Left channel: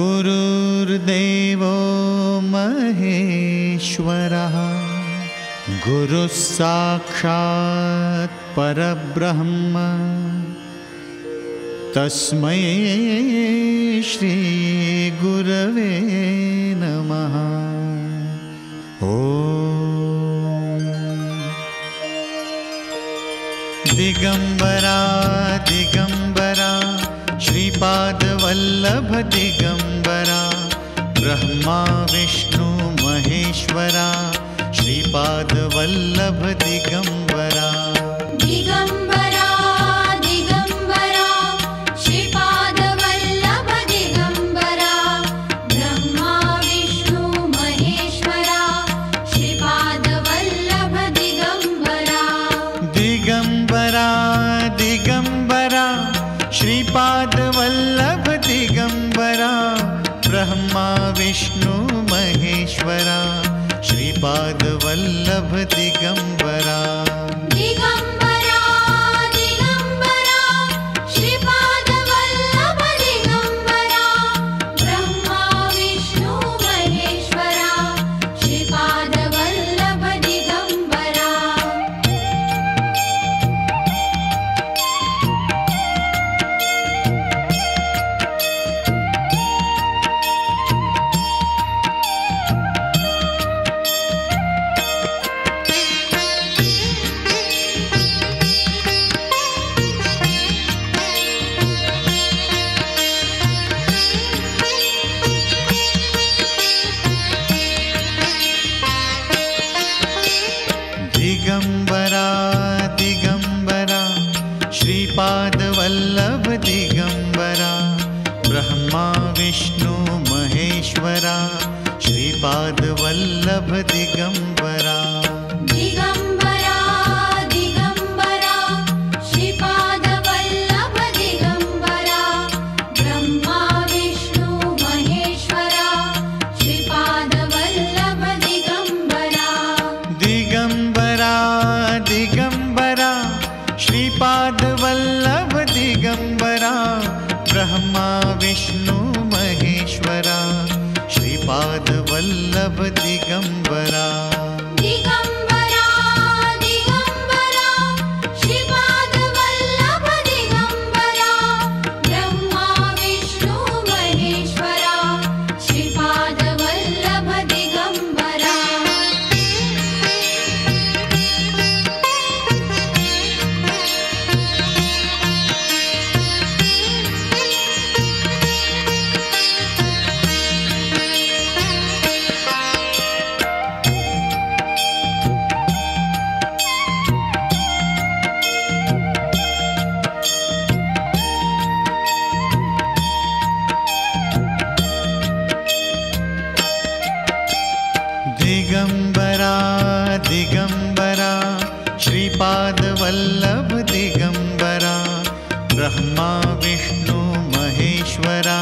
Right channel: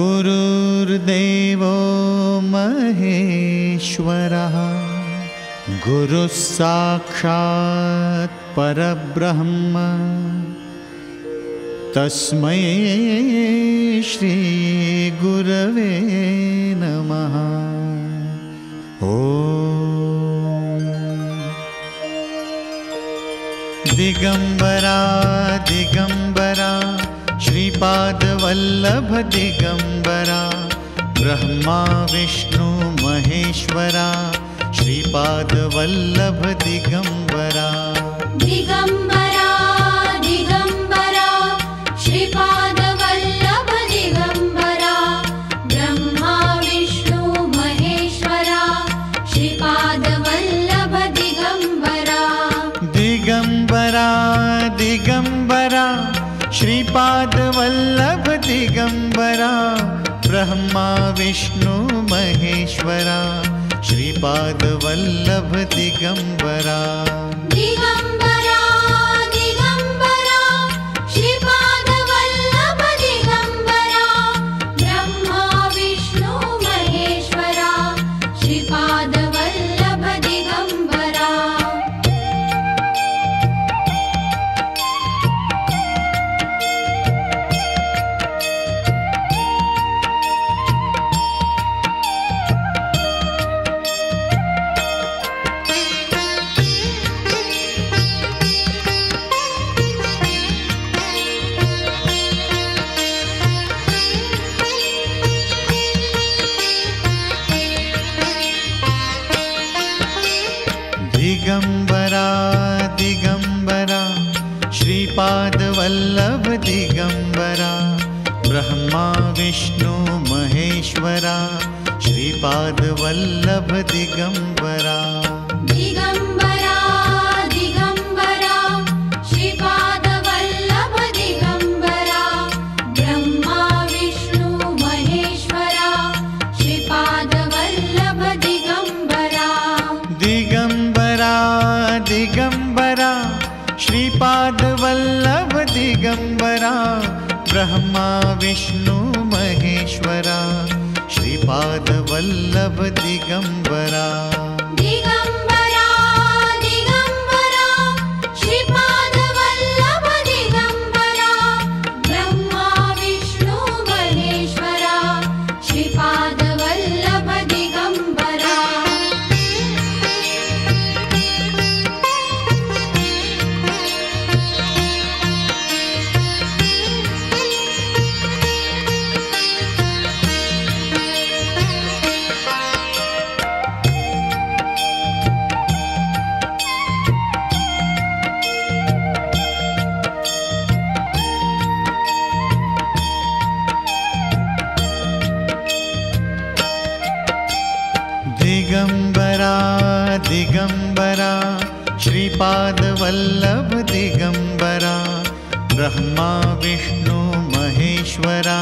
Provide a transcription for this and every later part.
गुरुर्देवो महेश्वरः गुरुः साक्षात् परब्रह्म तस्मै श्री गुरवे नमः। ओम दिगंबरा दिगंबरा श्रीपाद वल्लभ दिगंबरा ब्रह्मा विष्णु महेश्वरा श्रीपाद वल्लभ दिगंबरा। दिगंबरा दिगंबरा श्रीपाद वल्लभ दिगंबरा ब्रह्मा विष्णु महेश्वरा श्रीपाद वल्लभ दिगंबरा। दिगंबरा दिगंबरा श्रीपाद वल्लभ दिगंबरा ब्रह्मा विष्णु महेश्वरा श्रीपाद वल्लभ दिगंबरा। दिगंबरा दिगंबरा श्रीपाद वल्लभ दिगंबरा ब्रह्मा विष्णु महेश्वरा श्रीपाद वल्लभ दिगंबरा। दिगंबरा दिगंबरा श्रीपाद वल्लभ दिगंबरा ब्रह्मा विष्णु महेश्वरा श्रीपाद वल्लभ दिगंबरा। दिगंबरा दिगंबरा श्रीपाद वल्लभ दिगंबरा ब्रह्मा विष्णु महेश्वरा श्रीपाद वल्लभ दिगंबरा। दिगंबरा दिगंबरा श्रीपाद वल्लभ दिगंबरा ब्रह्मा विष्णु महेश्वरा श्रीपाद वल्लभ दिगंबरा। दिगंबरा दिगंबरा श्रीपाद वल्लभ दिगंबरा ब्रह्मा विष्णु महेश्वरा श्रीपाद वल्लभ दिगंबरा। दिगंबरा दिगंबरा श्रीपाद वल्लभ दिगंबरा ब्रह्मा विष्णु महेश्वरा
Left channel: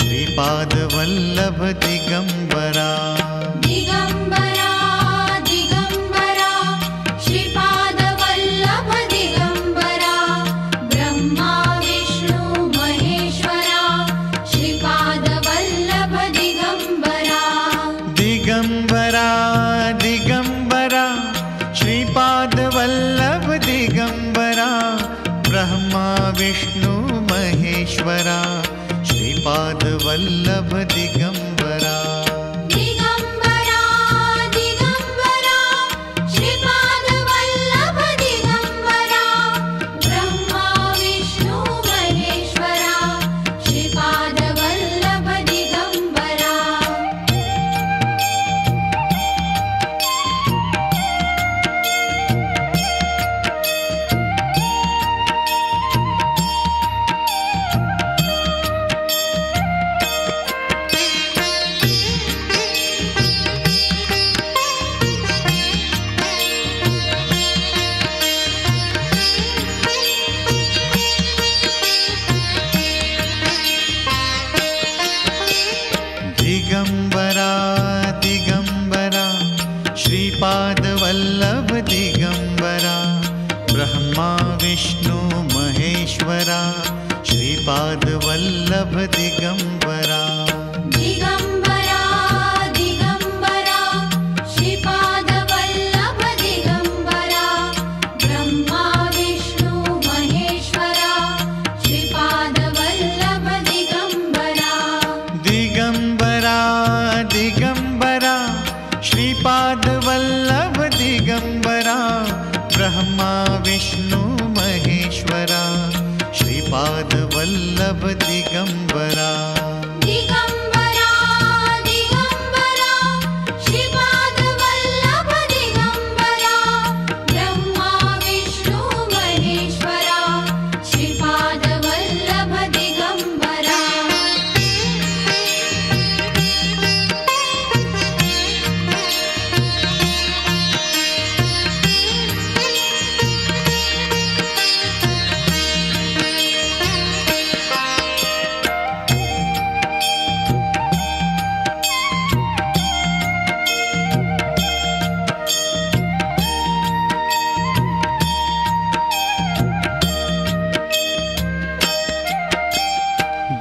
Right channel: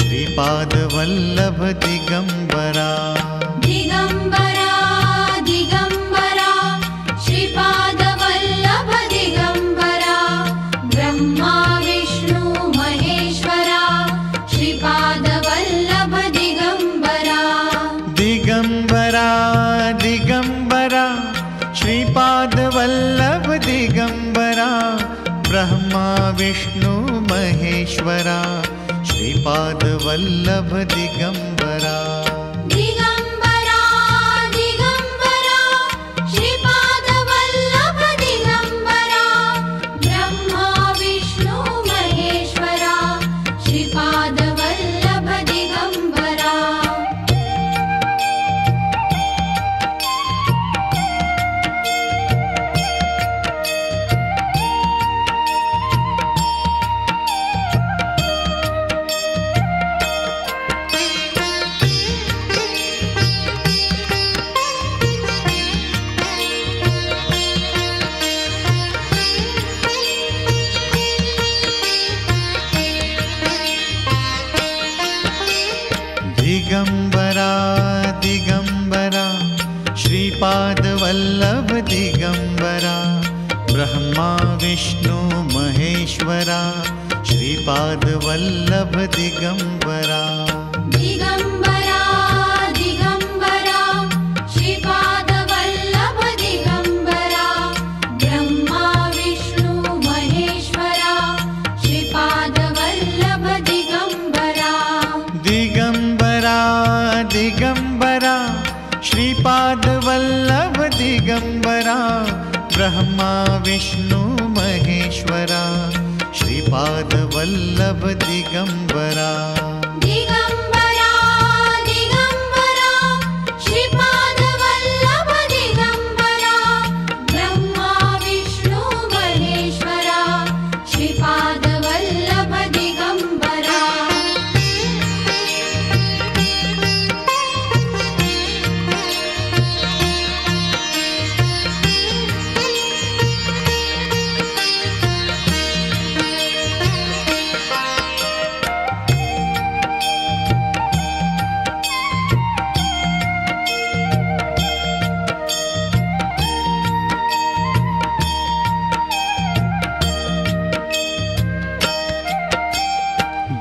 श्रीपाद वल्लभ दिगंबरा। दिगंबरा दिगंबरा श्रीपाद वल्लभ दिगंबरा ब्रह्मा विष्णु महेश्वरा श्रीपाद वल्लभ दिगंबरा। दिगंबरा दिगंबरा श्रीपाद वल्लभ दिगंबरा ब्रह्मा विष्णु महेश्वरा श्रीपाद वल्लभ दिगंबरा। दिगंबरा दिगंबरा श्रीपाद वल्लभ दिगंबरा ब्रह्मा विष्णु महेश्वरा श्रीपाद वल्लभ दिगंबरा। दिगंबरा दिगंबरा श्रीपाद वल्लभ दिगंबरा ब्रह्मा विष्णु महेश्वरा श्रीपाद वल्लभ दिगंबरा। श्रीपादवल्लभ दिगंबरा ब्रह्मा विष्णु महेश्वरा श्रीपादवल्लभ दिगंबरा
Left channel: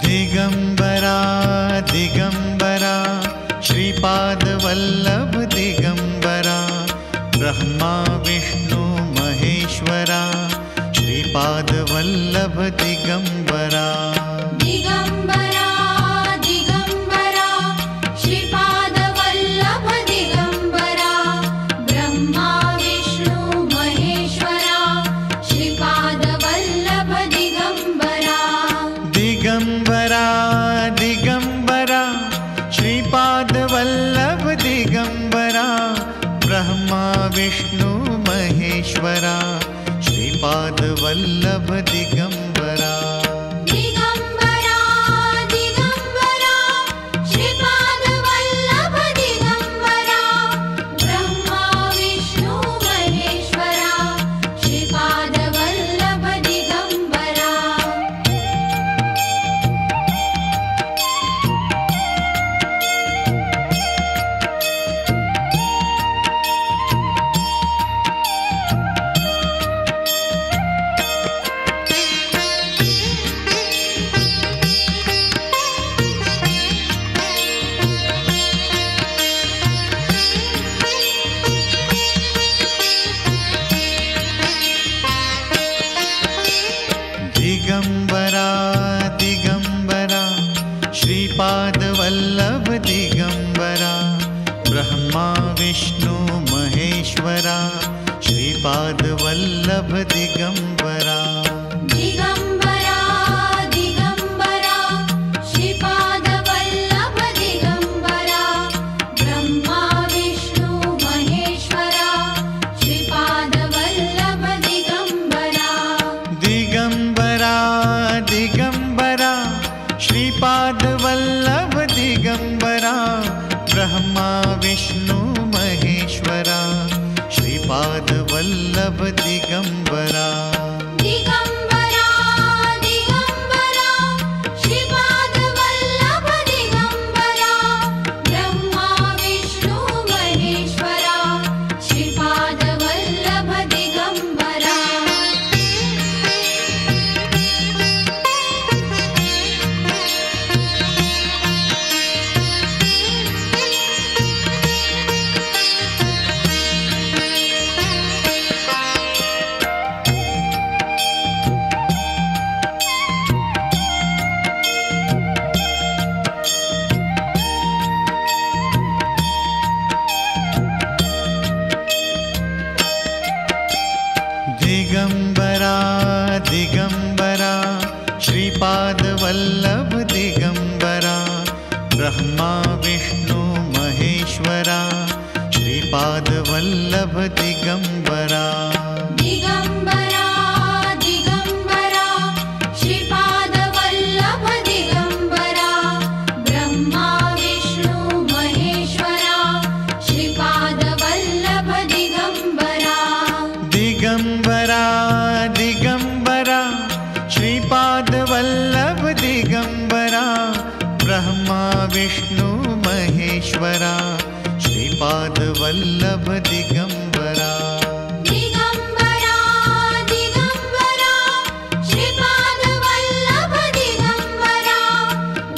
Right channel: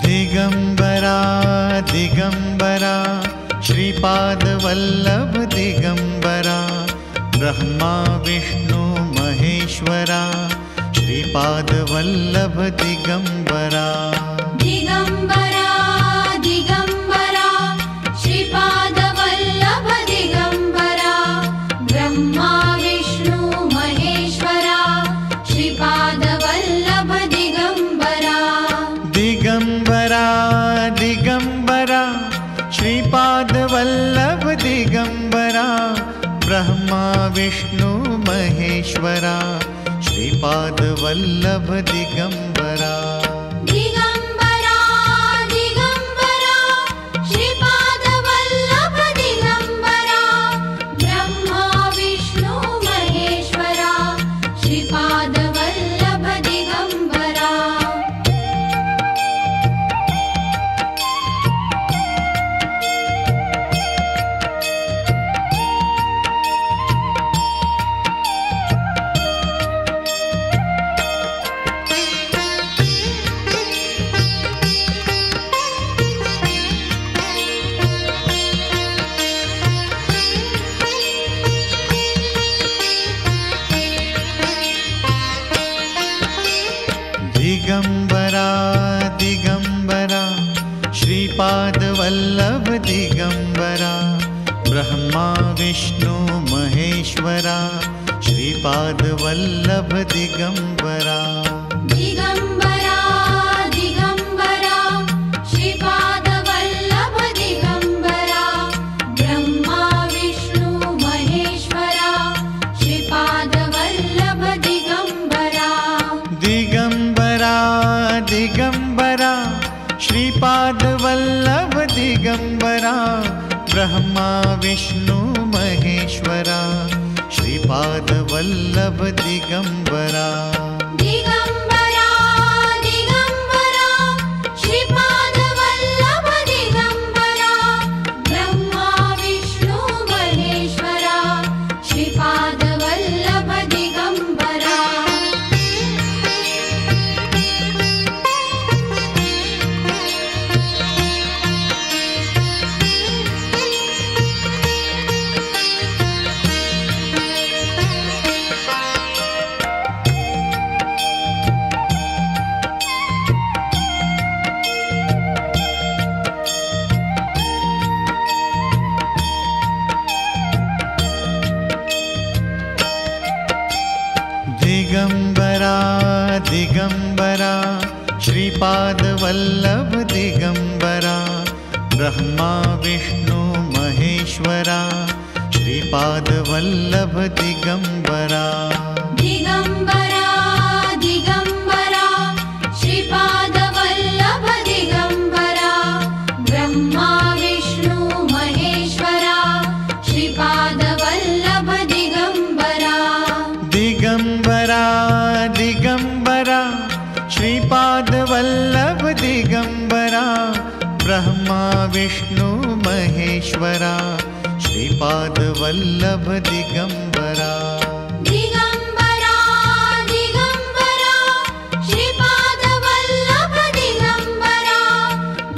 दिगंबरा दिगंबरा श्रीपादवल्लभ दिगंबरा ब्रह्मा विष्णु महेश्वरा श्रीपादवल्लभ दिगंबरा दिगंबरा दिगंबरा श्रीपादवल्लभ दिगंबरा ब्रह्मा विष्णु महेश्वरा श्रीपादवल्लभ दिगंबरा दिगंबरा दिगंबरा श्रीपादवल्लभ दिगंबरा ब्रह्मा विष्णु महेश्वरा श्रीपादवल्लभ दिगंबरा दिगंबरा दिगंबरा श्रीपादवल्लभ दिगंबरा ब्रह्मा विष्णु महेश्वरा श्रीपादवल्लभ दिगंबरा दिगंबरा दिगंबरा श्रीपादवल्लभ दिगंबरा ब्रह्मा विष्णु महेश्वरा श्रीपादवल्लभ दिगंबरा दिगंबरा दिगंबरा श्रीपादवल्लभ दिगंबरा ब्रह्मा विष्णु महेश्वरा श्रीपादवल्लभ दिगंबरा दिगंबरा दिगंबरा श्रीपादवल्लभ दिगंबरा ब्रह्मा विष्णु महेश्वरा श्रीपादवल्लभ दिगंबरा दिगंबरा दिगंबरा श्रीपादवल्लभ दिगंबरा ब्रह्मा विष्णु महेश्वरा श्रीपादवल्लभ दिगंबरा दिगंबरा दिगंबरा श्रीपादवल्लभ दिगंबरा ब्रह्मा विष्णु महेश्वरा श्रीपादवल्लभ दिगंबरा दिगंबरा दिगंबरा श्रीपादवल्लभ दिगंबरा ब्रह्मा विष्णु महेश्वरा श्रीपादवल्लभ दिगंबरा दिगंबरा दिगंबरा श्रीपादवल्लभ दिगंबरा ब्रह्मा विष्णु महेश्वरा श्रीपादवल्लभ दिगंबरा दिगंबरा दिगंबरा श्रीपादवल्लभ दिगंबरा ब्रह्मा विष्णु महेश्वरा श्रीपादवल्लभ दिगंबरा दिगंबरा दिगंबरा श्रीपादवल्लभ दिगंबरा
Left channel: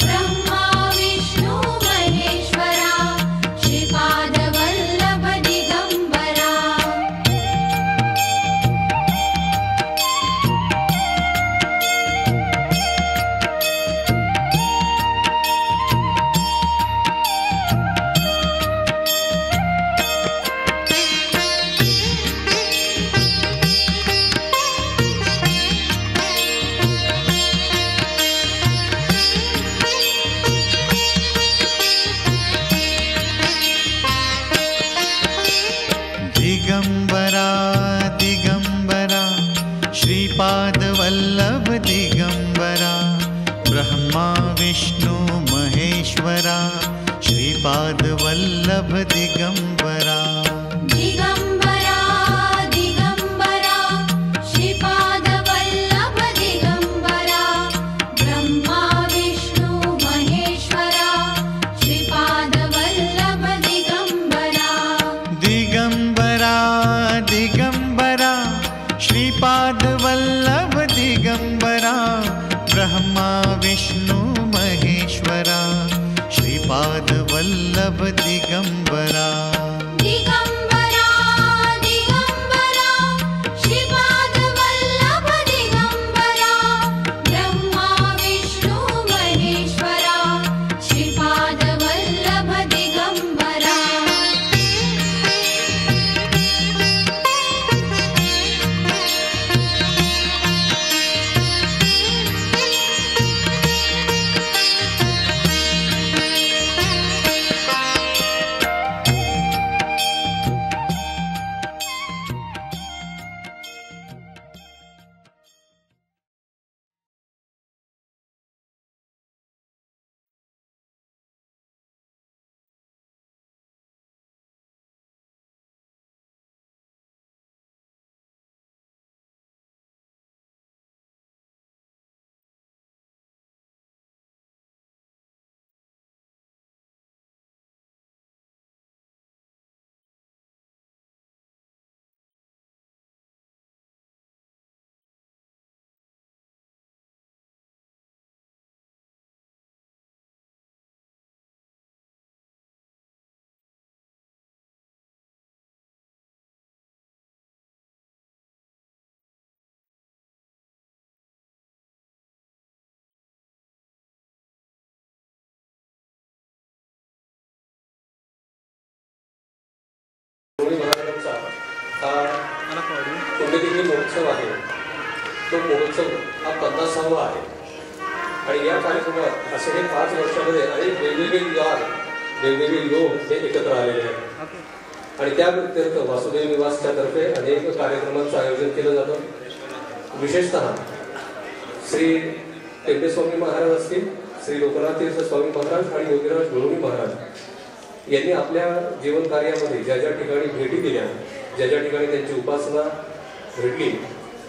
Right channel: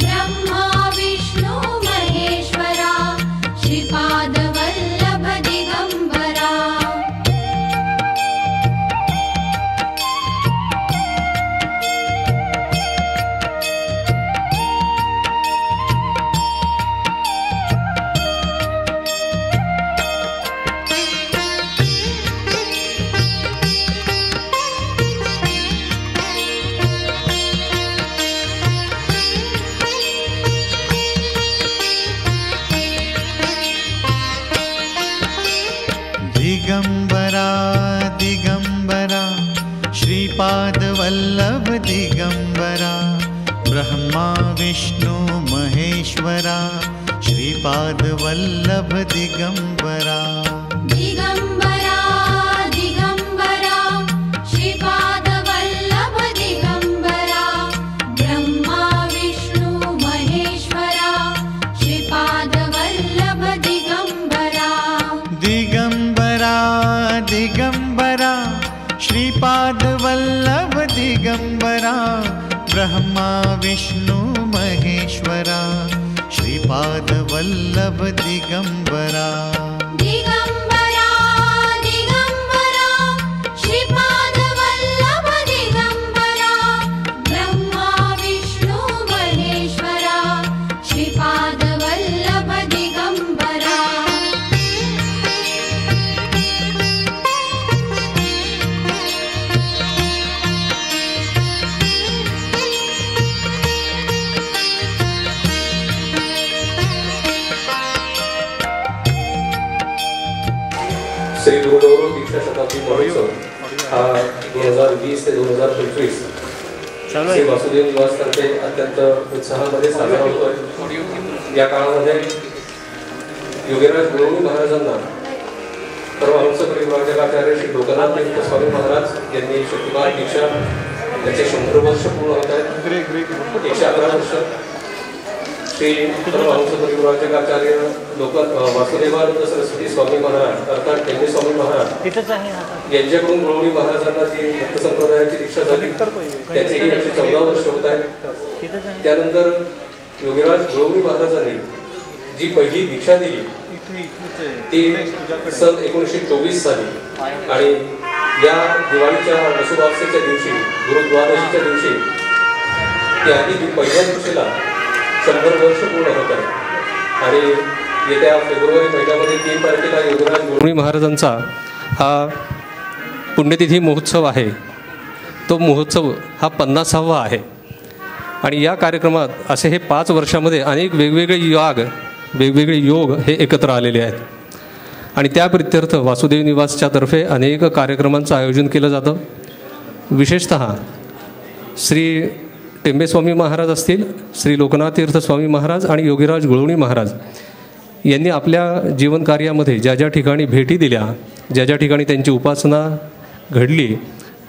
ब्रह्मा विष्णु महेश्वरा श्रीपादवल्लभ दिगंबरा महेश्वरा श्रीपाद वल्लभ दिगंबरा दिगंबरा दिगंबरा श्रीपाद वल्लभ दिगंबरा ब्रह्मा विष्णु महेश्वरा श्रीपाद वल्लभ दिगंबरा दिगंबरा दिगंबरा श्रीपाद वल्लभ दिगंबरा ब्रह्मा विष्णु महेश्वरा श्रीपाद वल्लभ दिगंबरा दिगंबरा दिगंबरा श्रीपाद वल्लभ दिगंबरा ब्रह्मा विष्णु महेश्वरा श्रीपाद वल्लभ दिगंबरा श्री गुरुदेव दीक्षा शताब्दी महोत्सव हा 2020 ते 2025 श्री वासुदेव निवासतर्फे अत्यंत उत्साहामध्ये साजरा होतोय. या काळामध्ये योगीराज गुरुजी महाराजांना परमहंस परिव्राजकाचार्य श्री लोकनाथ तीर्थ स्वामी महाराज यांनी शक्तिपात दीक्षा त्याचे 100 वर्ष पूर्ण होत आहेत. 111 वर्ष श्री परमहंस परिव्राजकाचार्य वासुदेवानंद सरस्वती स्वामी महाराज अर्थात टेंबे स्वामी महाराज यांच्याकडून गुरुजी महाराजांना जी भक्त संप्रदायाची दीक्षा झाली त्याचेही 114 वर्ष होत आहेत. त्यानंतर योगीराज गुरुजी महाराजांनी जी पहिली दीक्षा दिली ती सन 1924 साली आणि या दिवाळीच्या वसुबारसेच्या दिवशी गुरुद्वादशीच्या दिवशी त्याआधी पहिल्या दिवशीला 100 वर्ष पूर्ण होत आहे. आणि येत्या फेब्रुवारी महिन्यामध्ये 3 तारखेला योगीराज गुरुजी महाराजांचा हा पुण्यतिथी महोत्सव आहे. तो महोत्सव हा 50वा आहे. आणि या कार्यक्रमात असे हे 5 वर्षामध्ये अनेक वेगवेगळे योग हे एकत्र आलेले आहेत. आणि त्या प्रित्यर्थ वासुदेव निवासच्या तर्फे अनेक कार्यक्रमांचं आयोजन केलं जातं. विशेषतः श्री टेंबे स्वामी महाराज असतील, श्री लोकनाथ तीर्थ स्वामी महाराज आणि योगीराज गुळवणी महाराज यांनी आपल्या जीवनकार्यामध्ये ज्या ज्या ठिकाणी भेटी दिल्या, ज्या ज्या ठिकाणी त्यांची उपासना घडली,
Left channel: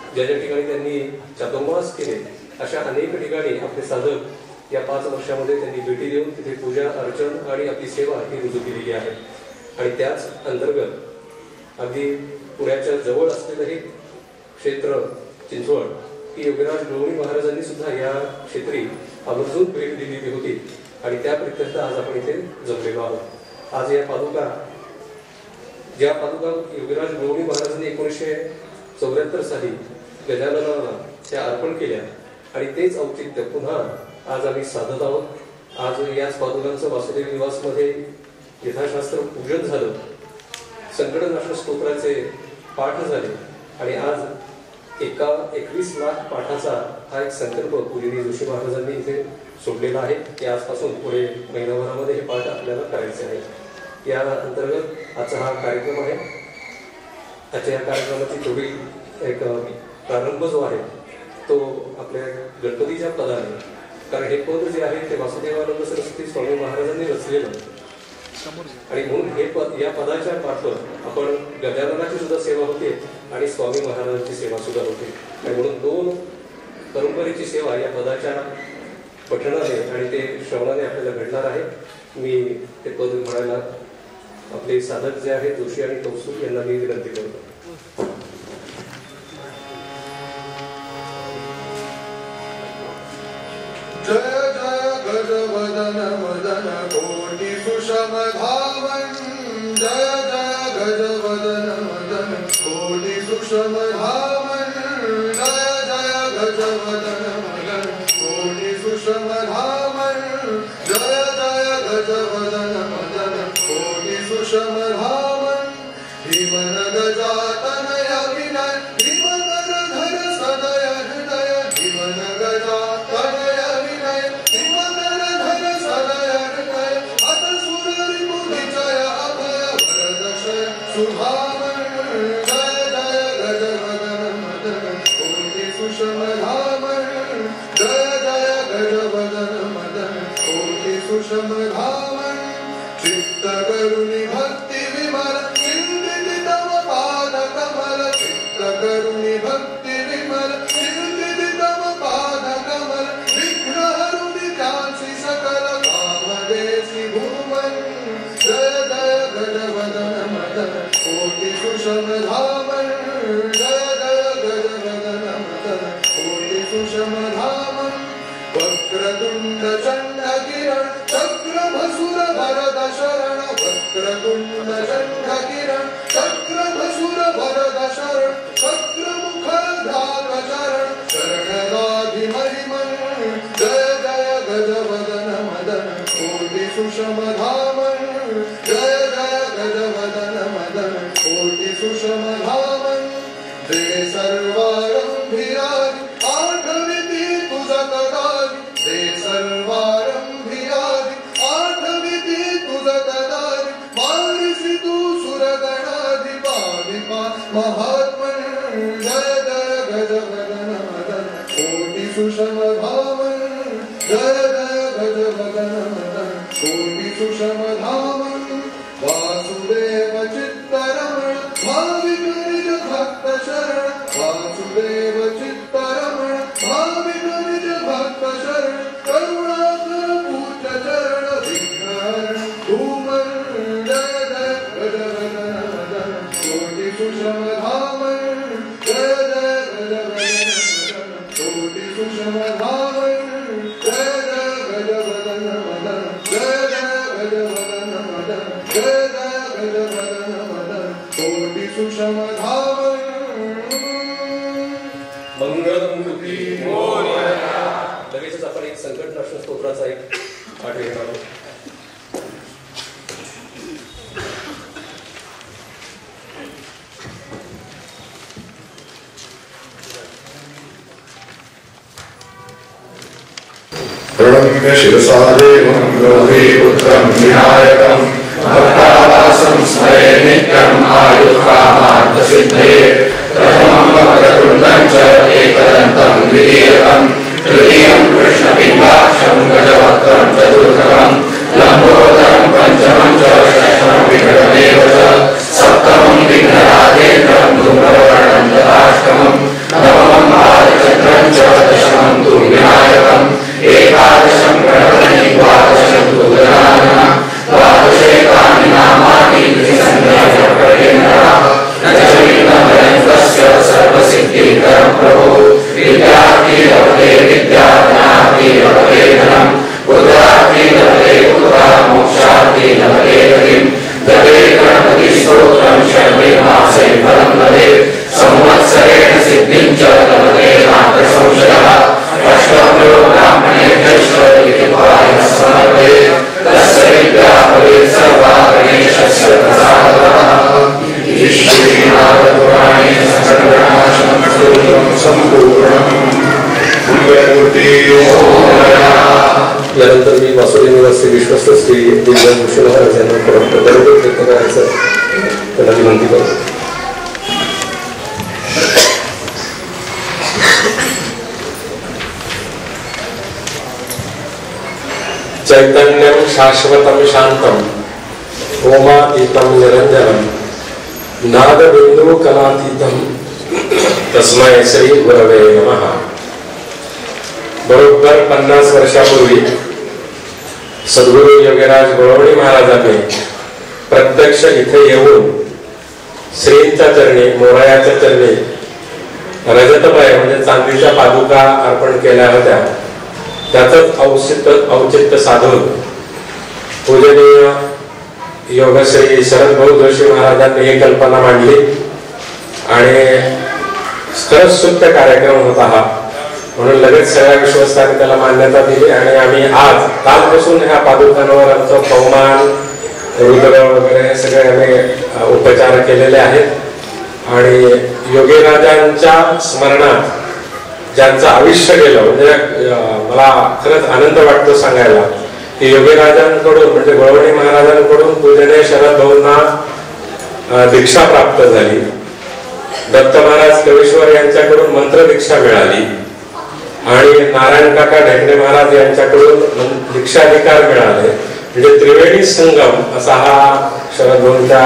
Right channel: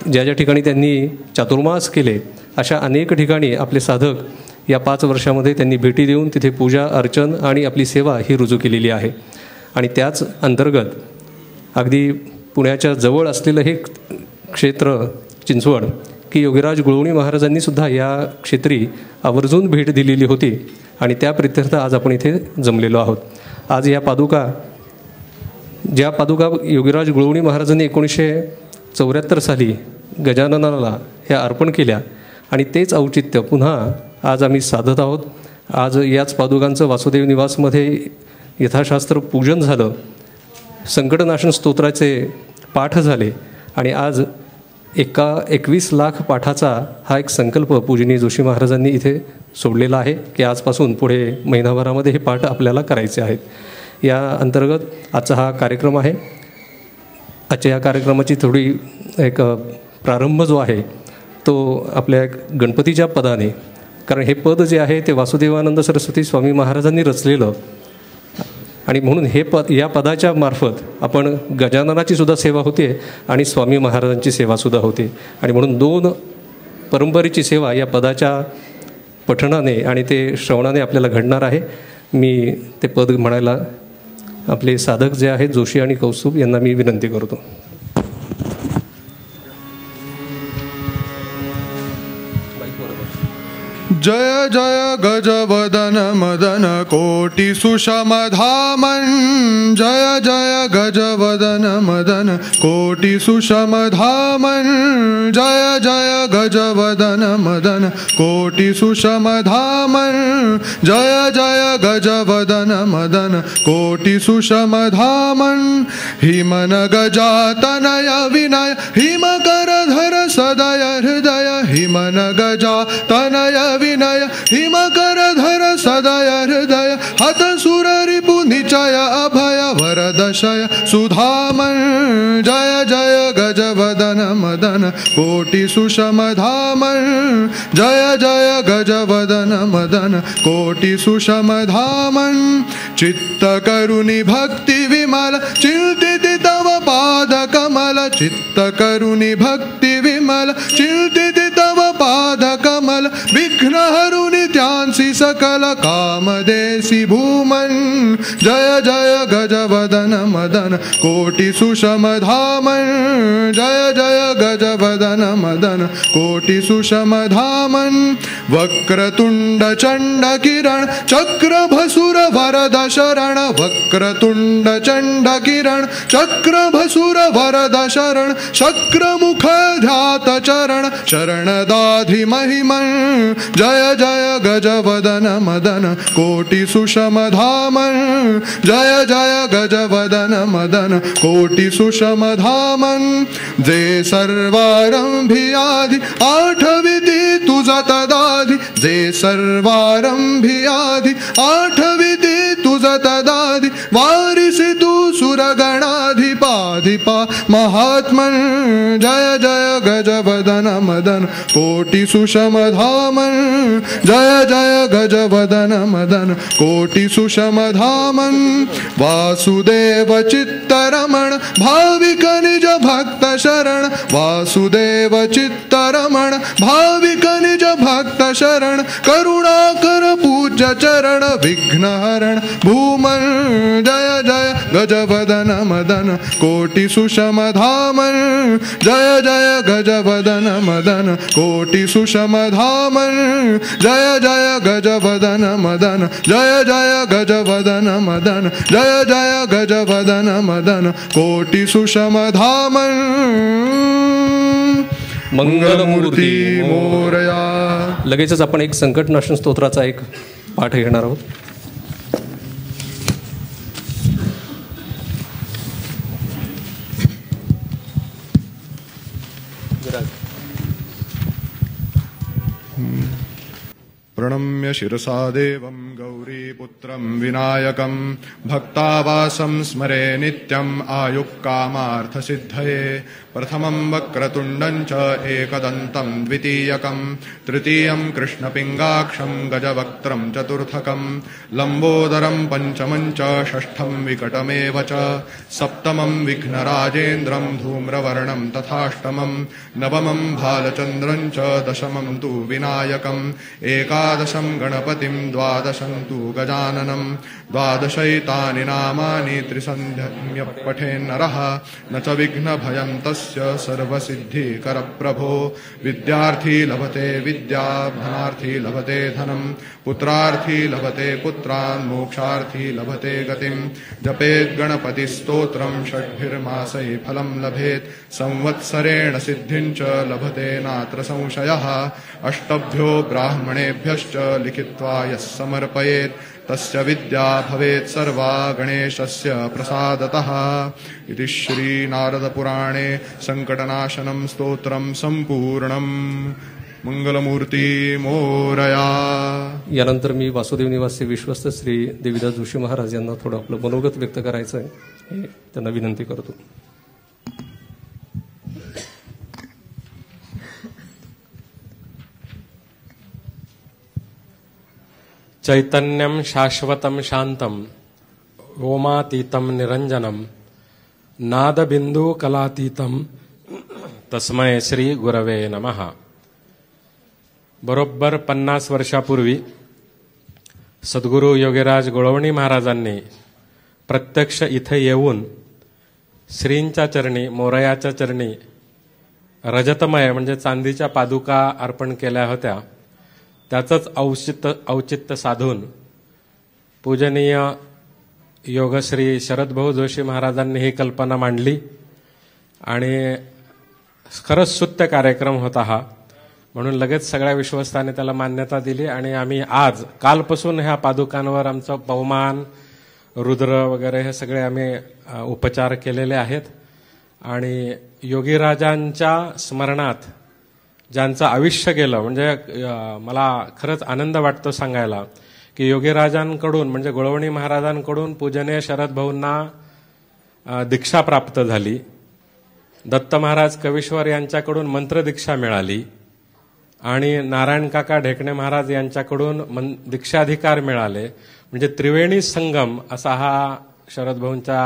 ज्या ज्या ठिकाणी त्यांनी चातुर्मास केले, अशा अनेक ठिकाणी आपले साधक या 5 वर्षामध्ये त्यांनी भेटी देऊन तिथे पूजा अर्चन आणि आपली सेवा ही रुजू केलेली आहे. आणि त्याच अंतर्गत अगदी पुण्याच्या जवळ असलेलं हे क्षेत्र चिंचवड की योगीराज गुळवणी महाराजांनी सुद्धा या क्षेत्री आवर्जून भेट दिलेली होती. आणि त्या प्रित्यर्थ आज आपण इथे जमलेलो आहोत. आज या पादुका योगीराज गुळवणी महाराजांनी 1974 साली गजाननाला ह्या अर्पण केल्या आणि तेच औचित्य पुन्हा आज आम्ही साधत आहोत. आज याच पादुकांचं वासुदेव निवासमध्ये यथाशास्त्र पूजन झालं, संकटनाशन स्तोत्राचे पाठ झाले आणि आज 21 लाख पाठाचा हा एक संकल्प पूजनीय जोशी महाराजांनी इथे सोडलेला आहे की आजपासून पुढे महिनाभरामध्ये हे पाठ आपल्याला करायचे आहेत. या अंतर्गत आजचा हा कार्यक्रम आहे. आजच्या या कार्यक्रमाची थोडी एक प्रारंभ जो आहे तो आपल्या गणपतीच्या पदाने, कारण हे पद जे आहे ते वासुदेवानंद सरस्वती स्वामी महाराजांनी रचलेलं आणि म्हणून हे या पदाच्या मार्फत आपण गजाननाची सुद्धा सेवा होते आणि स्वामी महाराजांची सेवासुद्धा होते. आणि म्हणून 2 परंपरेची सेवा या पदाच्या पठणाने आणि ते श्रवणाने आपल्याला घडणार आहे. मी ते पद म्हणायला आपले साधक जे आहेत जोशी आणि कौस्तुभ यांना मी विनंती करतो. जय जय गजवदन मदन कोटि सुषमधामन् जय जय गजवदन मदन कोटि सुषमधामन् जय जय गजवदन मदन कोटि सुषमधामन् जय जय गजवदन मदन कोटि सुषमधामन् हिमन गजातनय विनय हिमकरधर सदय हृदय हिमन गजातनय विनय हिमकरधर सदय हृदय हत सुर रिपु निचय अभय वरदशय सुधामन् जय जय गजवदन मदन मदन कोटि सुषमधामन् जय जय गजवदन मदन कोटि सुषमधामन् चित्तकरुणि भक्ति विमल चिन्तित तव पाद कमल चित्तकरुणि भक्ति विमल चिन्तित तव पाद कमल विघ्नहरुणि त्यांसि सकल कामदेसि भूमन् जय जय गजवदन मदन कोटि सुषमधामन् जय जय गजवदन मदन कोटि सुषमधामन् वक्रतुण्ड चण्ड किरण चक्रभसुर वरद शरण वक्रतुण्ड चण्ड किरण चक्रभसुर वरद शरण शक्रमुख ध्यात चरण शरणदाधि महिमन् जय जय गजवदन मदन कोटि सुषमधामन् जय जय गजवदन मदन कोटि सुषमधामन् जे सर्वारंभियादि आठविधि तुझ तदाधि जे सर्वारंभियादि आठविधि तुझ तदाधि वारिसि तू सुरगणाधिपाधिपा महात्मन् जय जय गजवदन मदन कोटि सुषमधामन् जय जय गजवदन मदन कोटि सुषमधामन् वासुदेव चित्तरमण भाविक निज भक्त शरण वासुदेव चित्तरमण भाविक निज भक्त शरण करुणाकर पूज्य चरण विघ्नहरण भूमन् जय जय गजवदन मदन कोटि सुषमधामन् जय जय गजवदन मदन कोटि सुषमधामन् जय जय गजवदन मदन जय जय गजवदन मदन जय जय गजवदन मदन कोटि सुषमधामन् मंगलमूर्ती मोरया. लगेचच आपण एक संकटनाशन स्तोत्राचा एक पाठ घेणार आहोत. प्रणम्य शिरसा देवं गौरीपुत्रं विनायकं भक्तावासं स्मरे नित्यम् आयुष्कामार्थसिद्धये प्रथमं वक्रतुण्डं च एकदन्तं द्वितीयकं तृतीयं कृष्णबिम्बाक्षं गजवक्त्रं चतुर्थकं लम्बोदरं पञ्चमं च षष्ठं विकटमेव च सप्तमं विघ्नराजेन्द्रं धूम्रवर्णं तथाष्टमं नवमं बालचन्द्रं च दशमं तु विनायकम् एकादशं गणपति द्वादशं तु गजाननः द्वादशेकानि नामानि सर्वसिद्धिकरं प्रभो विद्यार्थी लभते विद्या ज्ञानार्थी लभते धनं पुत्रार्थी लभते पुत्रः मोक्षार्थी लभते गतिं जपेत् गणपतिस्तोत्रं षड्मासे फलं लभेत् संवत्सरेण सिद्धिं च लभते नात्र संशयः अष्टभ्यो ब्राह्मणेभ्यश्च लिखित्वाय समर्पयेत् तस्य विद्या भवेत् सर्वा गणेशस्य प्रसादतः. श्रीनाथपुराणे संकटनाशनं स्तोत्रं सम्पूर्णम्. मंगलमूर्ती मोरया. यानंतर मी वासुदेव निवासी विश्वस्त श्री दिव्यभूषण महाराज यांना परत बरोबर प्रयत्न करायचा त्यांना विनंती करतो. चैतन्यं शाश्वतं शान्तं ओमातीतं निरञ्जनं नादबिन्दुकलातीतं तस्मै श्री गुरवे नमः. बरोबर 50 वर्षापूर्वी सद्गुरू योगीराज गुळवणी महाराजांनी प्रत्यक्ष इथे येऊन श्रींच्या चरणी मोरायाच्या चरणी रजतमय म्हणजे चांदीच्या पादुका अर्पण केल्या होत्या. त्याचंच औचित्य साधून पूजनीय योगश्री शरद भाऊ जोशी महाराजांनी ही कल्पना मांडली आणि खरंच स्तुत्य कार्यक्रम होता हा. म्हणून लगेच सगळ्या विश्वस्तांनी त्याला मान्यता दिली आणि आम्ही आज कालपासून ह्या पादुकांवर आमचं पवमान रुद्र वगैरे हे सगळे आम्ही उपचार केलेले आहेत. आणि योगीराजांच्या स्मरणात ज्यांचं आयुष्य गेलं म्हणजे मला खरंच आनंद वाटतो सांगायला की योगीराजांकडून म्हणजे गुळवणी महाराजांकडून पूजनीय शरद भाऊंना दीक्षा प्राप्त झाली दत्त महाराज कवीश्वर यांच्याकडून मंत्र दीक्षा मिळाली आणि नारायण काका ढेकणे महाराज यांच्याकडून दीक्षाधिकार मिळाले. म्हणजे त्रिवेणी संगम असा हा शरद भाऊंच्या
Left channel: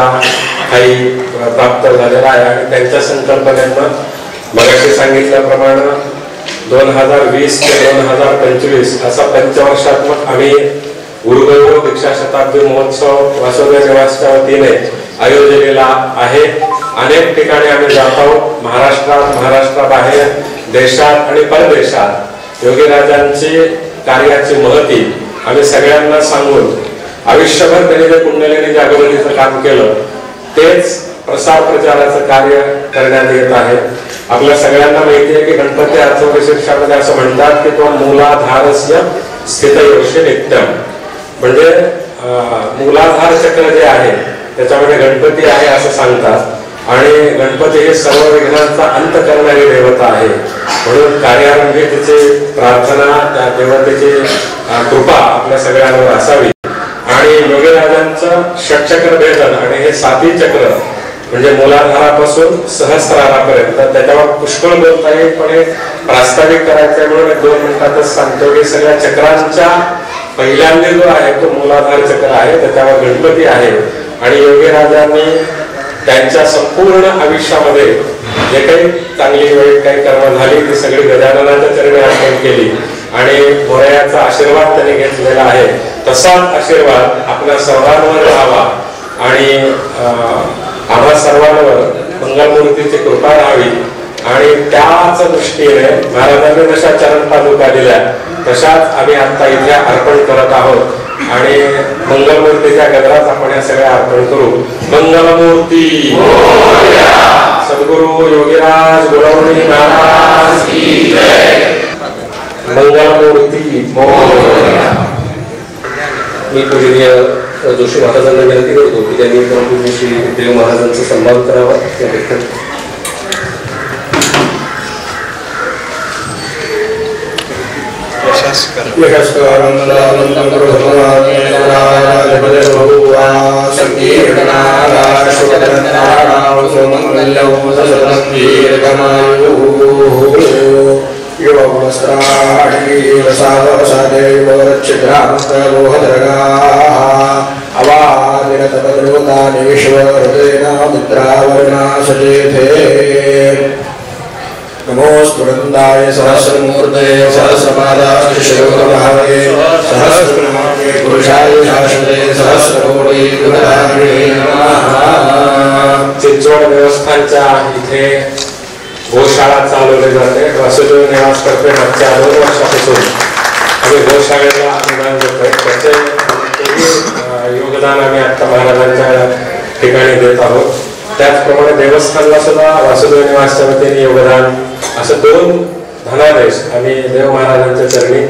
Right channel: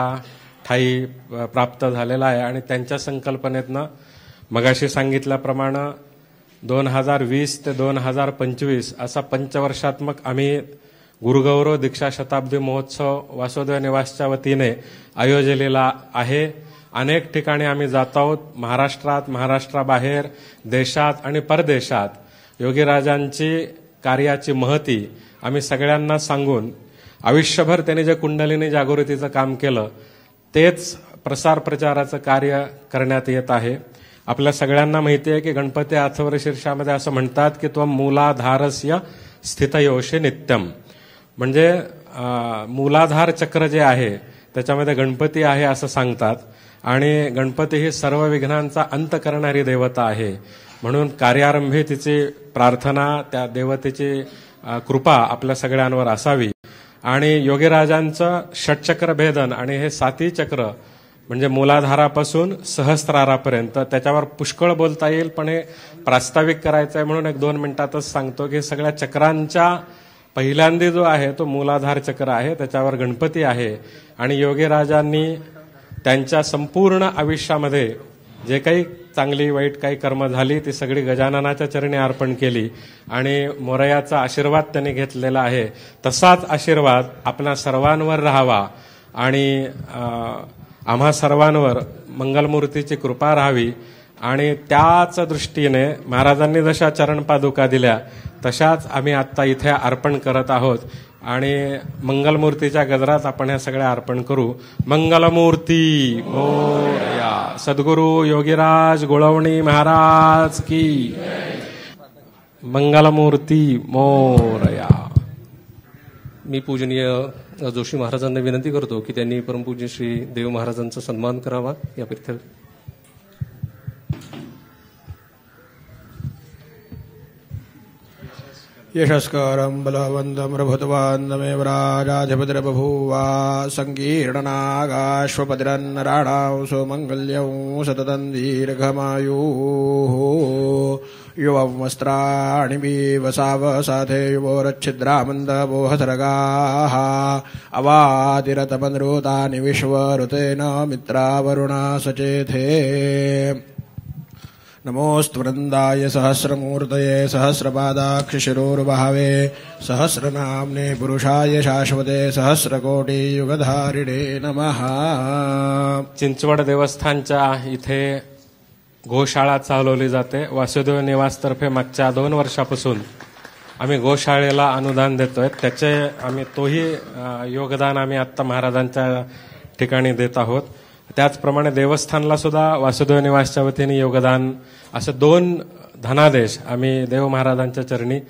काही प्राप्त झालेला आहे. आणि त्यांच्या संकल्पनेनं मगाशी सांगितल्याप्रमाणे 2020 ते 2025 असा पंचवर्षात्मक आम्ही गुरुगौरव दीक्षा शताब्दी महोत्सव वासुदेव निवासच्या वतीने आयोजलेला आहे. अनेक ठिकाणी आम्ही जात आहोत, महाराष्ट्राबाहेर, देशात आणि परदेशात योगीराजांची कार्याची महती आम्ही सगळ्यांना सांगून आयुष्यभर त्यांनी जे पुण्यलिनी जागृतीचं काम केलं तेच प्रसार प्रचाराचं कार्य करण्यात येत आहे. आपल्या सगळ्यांना माहिती आहे की गणपती अर्थविशेषामध्ये असं म्हणतात की तो मूलाधारस्य स्थितयोशी नित्यम, म्हणजे मूलाधार चक्र जे आहे त्याच्यामध्ये गणपती आहे असं सांगतात. आणि गणपती हे सर्व विघ्नांचा अंत करणारी देवता आहे. म्हणून कार्यारंभी तिची प्रार्थना, त्या देवतेची कृपा आपल्या सगळ्यांवर असावी. आणि योगीराजांचं षटचक्र भेदन आणि हे 7 चक्र म्हणजे मूलाधारापासून सहस्रारापर्यंत त्याच्यावर पुष्कळ बोलता येईल, पण प्रास्ताविक करायचं म्हणून 2 मिनिटातच सांगतो की सगळ्या चक्रांच्या पहिल्यांदा जो आहे तो मूलाधार चक्र आहे, त्याच्यावर गणपती आहे. आणि योगीराजांनी त्यांच्या संपूर्ण आयुष्यामध्ये जे काही चांगली वाईट काही कर्म झाली ती सगळी गजाननाच्या चरणी अर्पण केली आणि मोरयाचा आशीर्वाद त्यांनी घेतलेला आहे. तसाच आशीर्वाद आपल्या सर्वांवर राहावा आणि आम्हा सर्वांवर मंगलमूर्तीची कृपा राहावी. आणि त्याच दृष्टीने महाराजांनी जशा चरण पादुका दिल्या तशाच आम्ही आता इथे अर्पण करत आहोत. आणि मंगलमूर्तीच्या गजरात आपण या सगळ्या अर्पण करू. मंगलमूर्ती सद्गुरु योगीराज गुणवणी महाराज की जय. मंगलमूर्ती मोरया. मी पूजनीय जोशी महाराजांना विनंती करतो की त्यांनी परमपूज्य देव महाराजांचा सन्मान करावा. नमोस्तु वृंदाय सहस्रमूर्ते सहस्रपादाय शिवभावे सहस्रनामे पुरुषाय शाश्वते सहस्रकोटि गुणधारिणे नमः. चिंचवड देवस्थानच्या इथे गोशाळा चालवली जाते. वासुदेव निवास तर्फे मागच्या 2 वर्षापासून आम्ही गोशाळेला अनुदान देतोय. त्याचे योगदान आम्ही आता महाराजांच्या ठिकाणी देत आहोत. त्याचप्रमाणे देवस्थानला सुद्धा वासुदेव निवासच्या वतीने योगदान असं 2 धनादेश आम्ही देव महाराजांच्या चरणी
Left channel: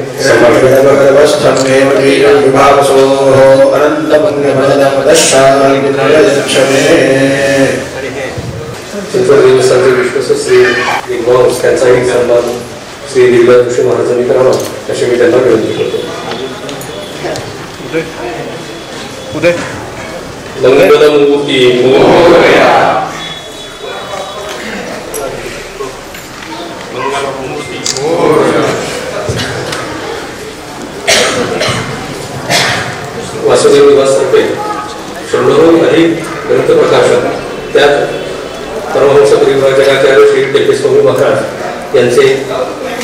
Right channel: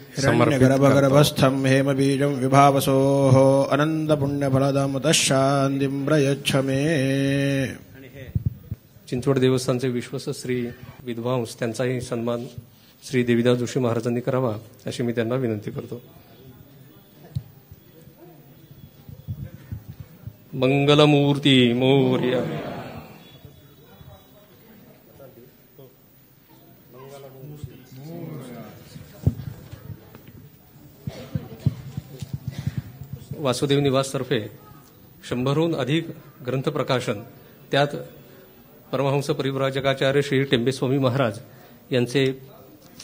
देवस्थानचे विश्वस्त श्री विद्वांस त्यांचाही सन्मान श्री दिव्या जोशी महाराजांनी करावा अशी मी त्यांना विनंती करतो. मंगलमूर्ती मोरया. वासुदेव निवासतर्फे 100हून अधिक ग्रंथ प्रकाशन, त्यात परमहंस परिव्राजकाचार्य श्री टेके स्वामी महाराज यांचे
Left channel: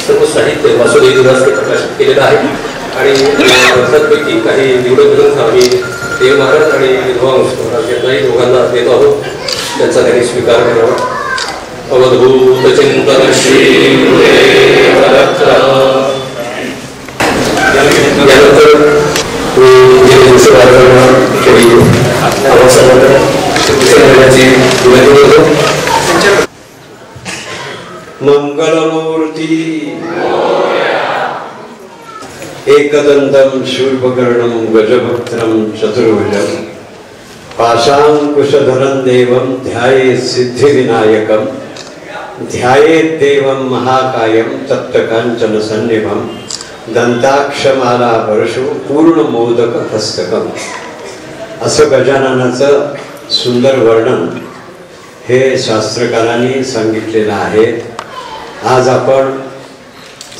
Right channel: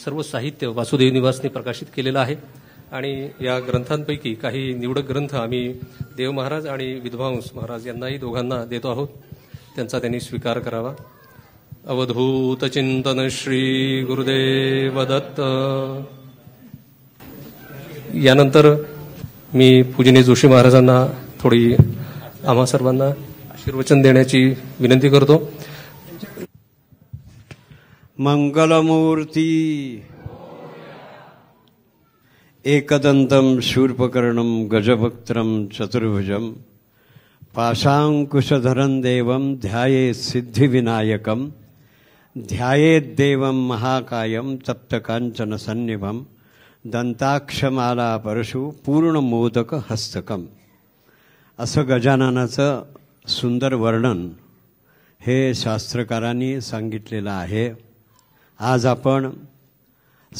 सर्व साहित्य वासुदेव निवासने प्रकाशित केलेलं आहे. आणि ग्रंथांपैकी काही निवडक ग्रंथ आम्ही देव महाराज आणि विद्वांस महाराज यांनाही दोघांना देत आहोत. त्यांचा त्यांनी स्वीकार करावा. अवधूत चिंतन श्री यानंतर मी जोशी महाराजांना विनंती करतो. मंगलमूर्ती एकदन्तं शूर्पकर्णं गजभक्त्रं चतुर्भुजं पाशाङ्कुशधरं देवं ध्यायेत् सिद्धिविनायकं ध्यायेत् देवं महाकायं तप्तकाञ्चनसन्निभं दंताक्षमाला परशु पूर्णमोदक हस्तकं. असं गजाननाचं सुंदर वर्णन हे शास्त्रकारांनी सांगितलेलं आहे. आज आपण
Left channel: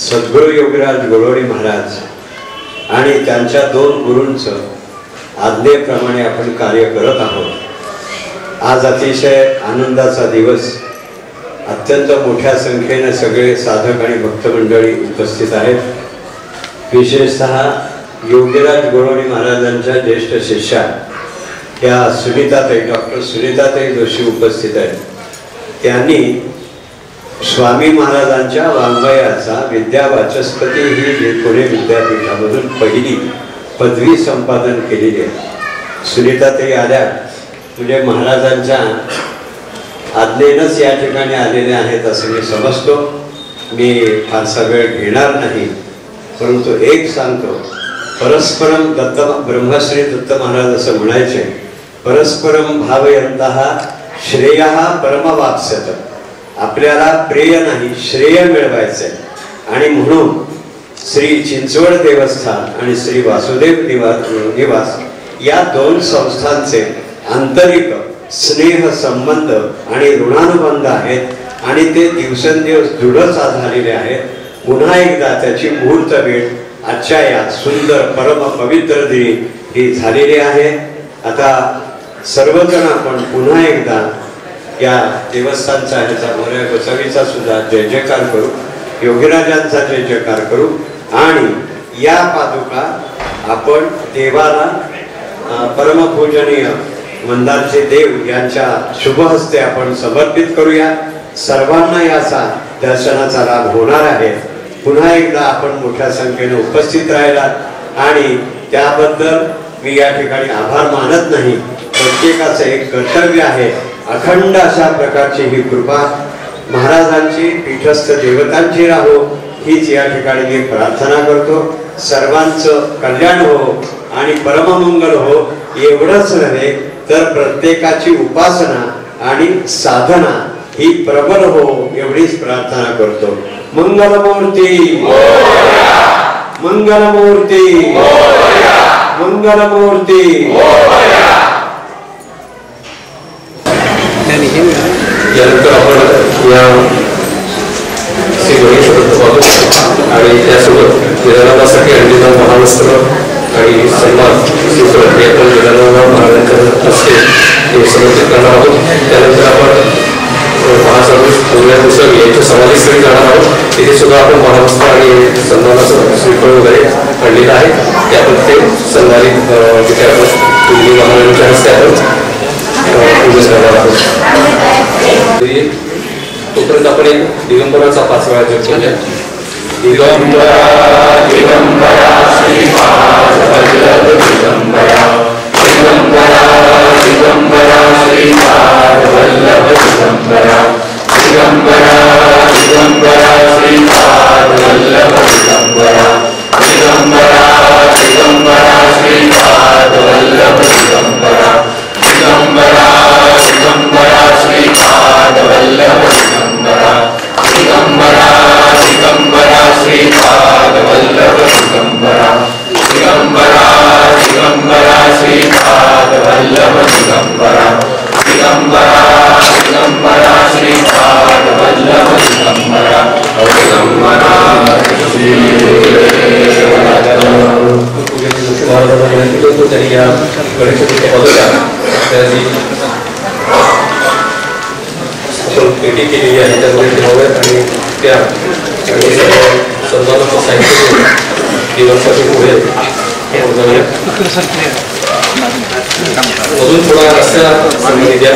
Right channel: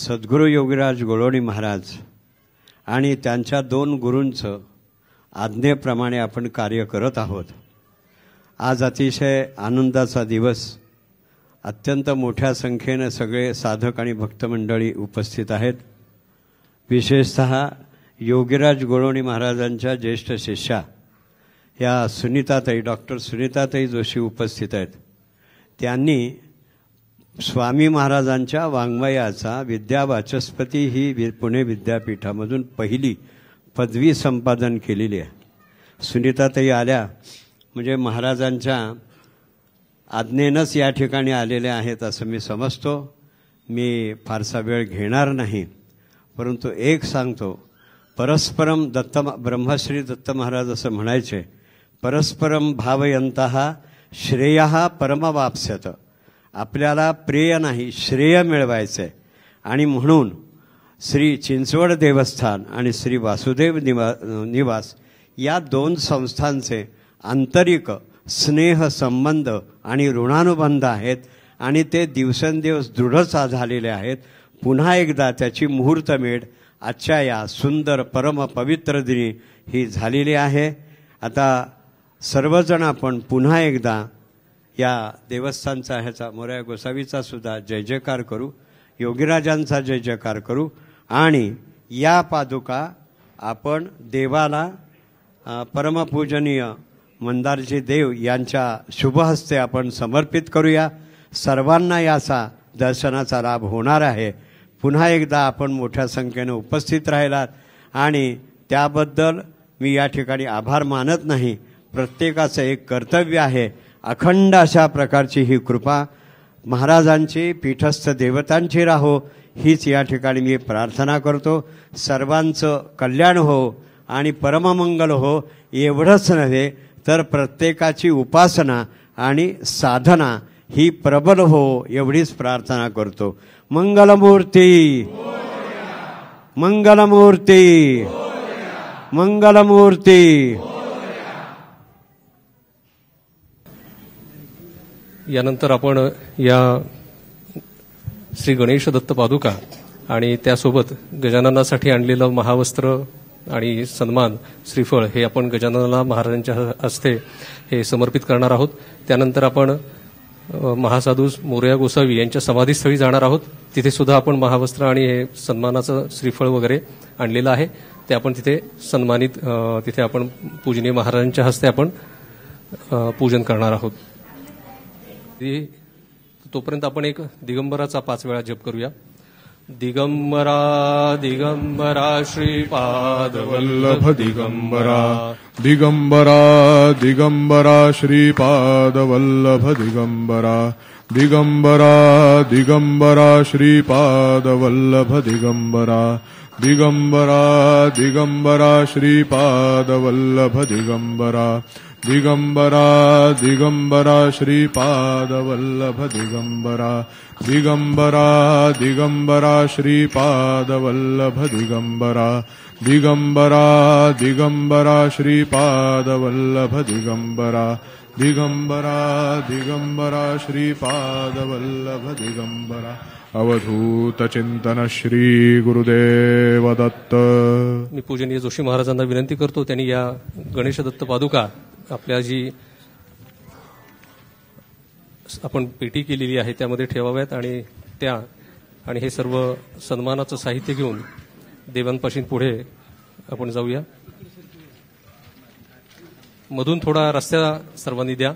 सद्गुरू योगीराज गोडोळी महाराज आणि त्यांच्या 2 गुरूंचं आज्ञेप्रमाणे आपण कार्य करत आहोत. आज अतिशय आनंदाचा दिवस. अत्यंत मोठ्या संख्येने सगळे साधक आणि भक्तमंडळी उपस्थित आहेत. विशेषतः योगीराज गोडोळी महाराजांच्या ज्येष्ठ शिष्या या सुनीताताई, डॉक्टर सुनीताताई जोशी उपस्थित आहेत. त्यांनी स्वामी महाराजांच्या वाङ्मयाचा विद्यावाचस्पती ही पुणे विद्यापीठामधून पहिली पदवी संपादन केलेली आहे. सुनीताताई आल्या म्हणजे महाराजांच्या आज्ञेनंच या ठिकाणी आलेले आहेत असं मी समजतो. मी फारसा वेळ घेणार नाही, परंतु एक सांगतो, परस्परम दत्त ब्रह्मश्री दत्त महाराज असं म्हणायचे, परस्परम भावयन्तः श्रेयः परमवाप्स्यत. आपल्याला प्रेय नाही, श्रेय मिळवायचंय. आणि म्हणून श्री चिंचवड देवस्थान आणि श्री वासुदेव निवास या 2 संस्थांचे आंतरिक स्नेह संबंध आणि ऋणानुबंध आहेत आणि ते दिवसेंदिवस दृढ झालेले आहेत. पुन्हा एकदा त्याची मुहूर्त वेळ आजच्या या सुंदर परम पवित्र दिनी ही झालेली आहे. आता सर्वजण आपण पुन्हा एकदा या देवस्थानचा ह्याचा मोरया गोसावीचा सुद्धा जय जयकार करू, योगीराजांचा जय जयकार करू आणि या पादुका आपण देवाला परमपूजनीय मंदारचे देव यांच्या शुभ हस्ते आपण समर्पित करूया. सर्वांना याचा दर्शनाचा लाभ होणार आहे. पुन्हा एकदा आपण मोठ्या संख्येने उपस्थित राहिला आणि त्याबद्दल मी या ठिकाणी आभार मानत नाही. प्रत्येकाचं एक कर्तव्य आहे. अखंड अशा प्रकारची ही कृपा महाराजांची पीठस्थ देवतांची राहो हीच या ठिकाणी मी प्रार्थना करतो. सर्वांचं कल्याण हो आणि परममंगल हो. एवढंच नव्हे तर प्रत्येकाची उपासना आणि साधना ही प्रबल हो एवढीच प्रार्थना करतो. मंगलमूर्ती मंगलमूर्ती मंगलमूर्ती. यानंतर आपण या श्री गणेश पाहू आणि त्यासोबत विधानासाठी आणलेला महावस्त्र आणि सन्मान श्रीफळ हे आपण विधानाला महाराजांच्या हस्ते हे समर्पित करणार आहोत. त्यानंतर आपण महास्वामी गोसावी यांच्या समाधीस्थळी जाणार आहोत. तिथे सुद्धा आपण महावस्त्र आणि सन्मानाचं श्रीफळ वगैरे आणलेलं आहे. ते आपण ते सन्मानित तिथे आपण महाराजांच्या हस्ते आपण पूजन करणार आहोत. तोपर्यंत आपण एक दिगंबराचा 5 वेळा जप करूया. दिगंबरा दिगंबरा श्रीपाद वल्लभ दिगंबरा दिगंबरा दिगंबरा श्रीपाद वल्लभ दिगंबरा दिगंबरा दिगंबरा श्रीपाद वल्लभ दिगंबरा दिगंबरा दिगंबरा श्रीपाद वल्लभ दिगंबरा दिगंबरा दिगंबरा श्रीपाद वल्लभ दिगंबरा दिगंबरा दिगंबरा श्रीपाद वल्लभ दिगंबरा दिगंबरा दिगंबरा श्रीपाद वल्लभ दिगंबरा दिगंबरा दिगंबरा श्रीपाद वल्लभ दिगंबरा दिगंबरा त्यांनी या गणेशोत्सवाच्या बाजूला त्याची भेटी केलेली आहे. त्यामुळे आणि त्या सन्मानाचं साहित्य देवांसाठी पुढे मधून थोडा रस्त्याला सांगली द्या.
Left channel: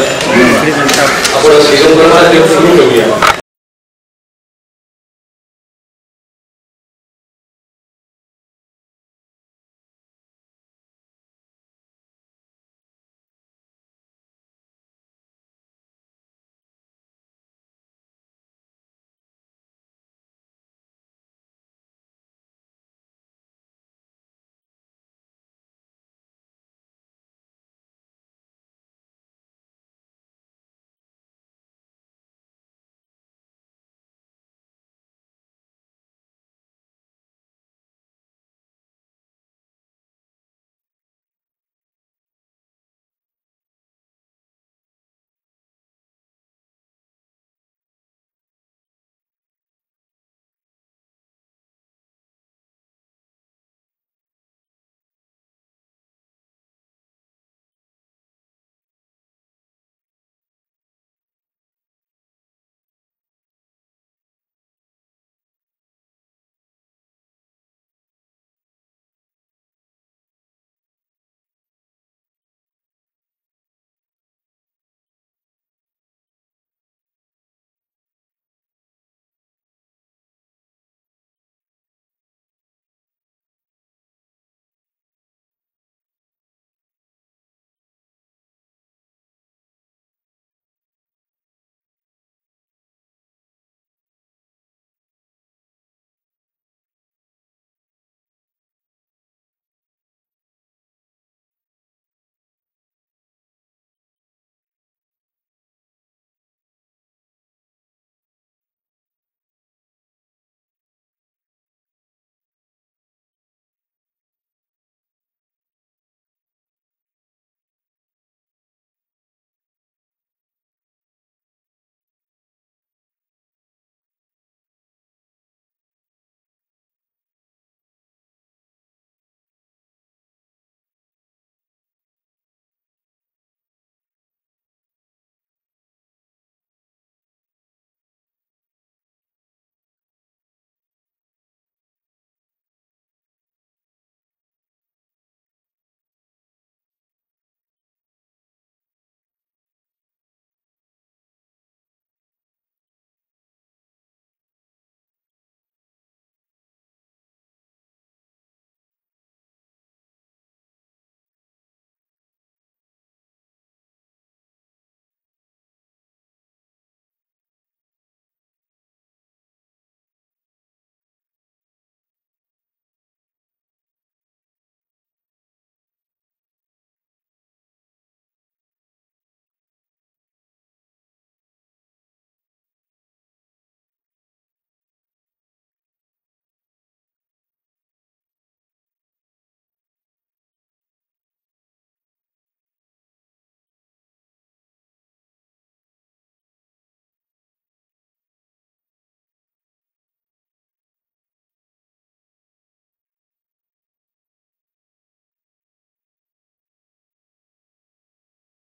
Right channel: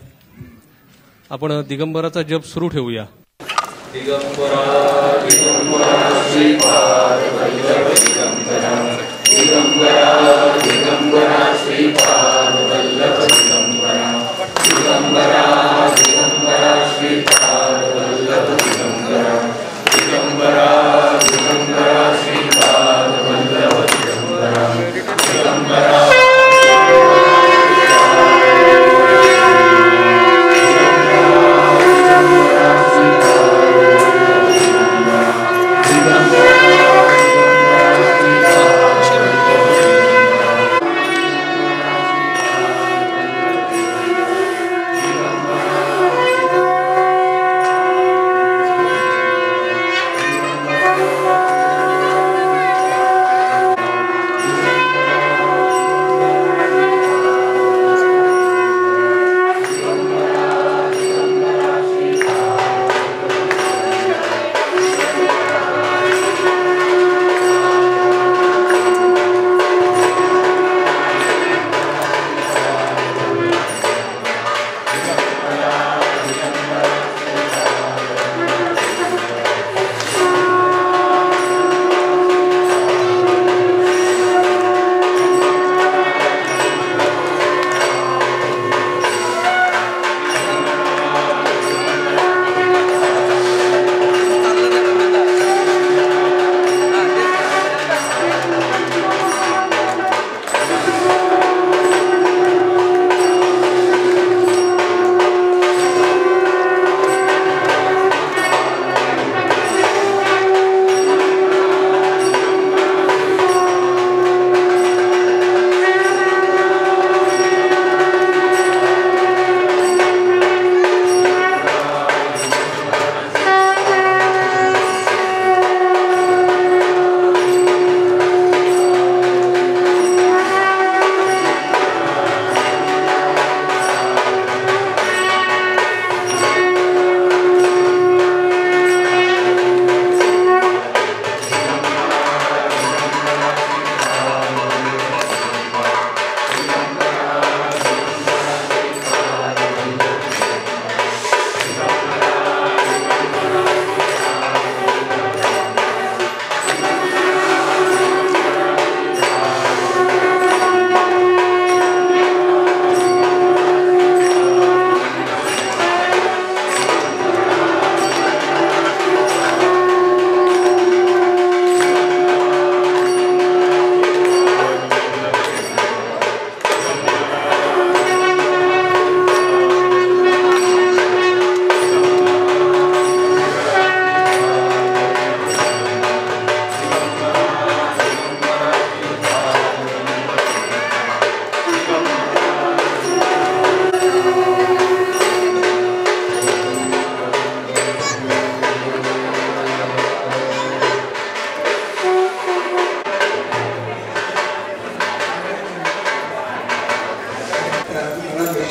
आपण दिगंबराचा देव सुरू ठेवूया. दिगंबरा दिगंबरा श्रीपाद वल्लभ दिगंबरा दिगंबरा दिगंबरा श्रीपाद वल्लभ दिगंबरा दिगंबरा दिगंबरा श्रीपाद वल्लभ दिगंबरा दिगंबरा दिगंबरा श्रीपाद वल्लभ दिगंबरा दिगंबरा दिगंबरा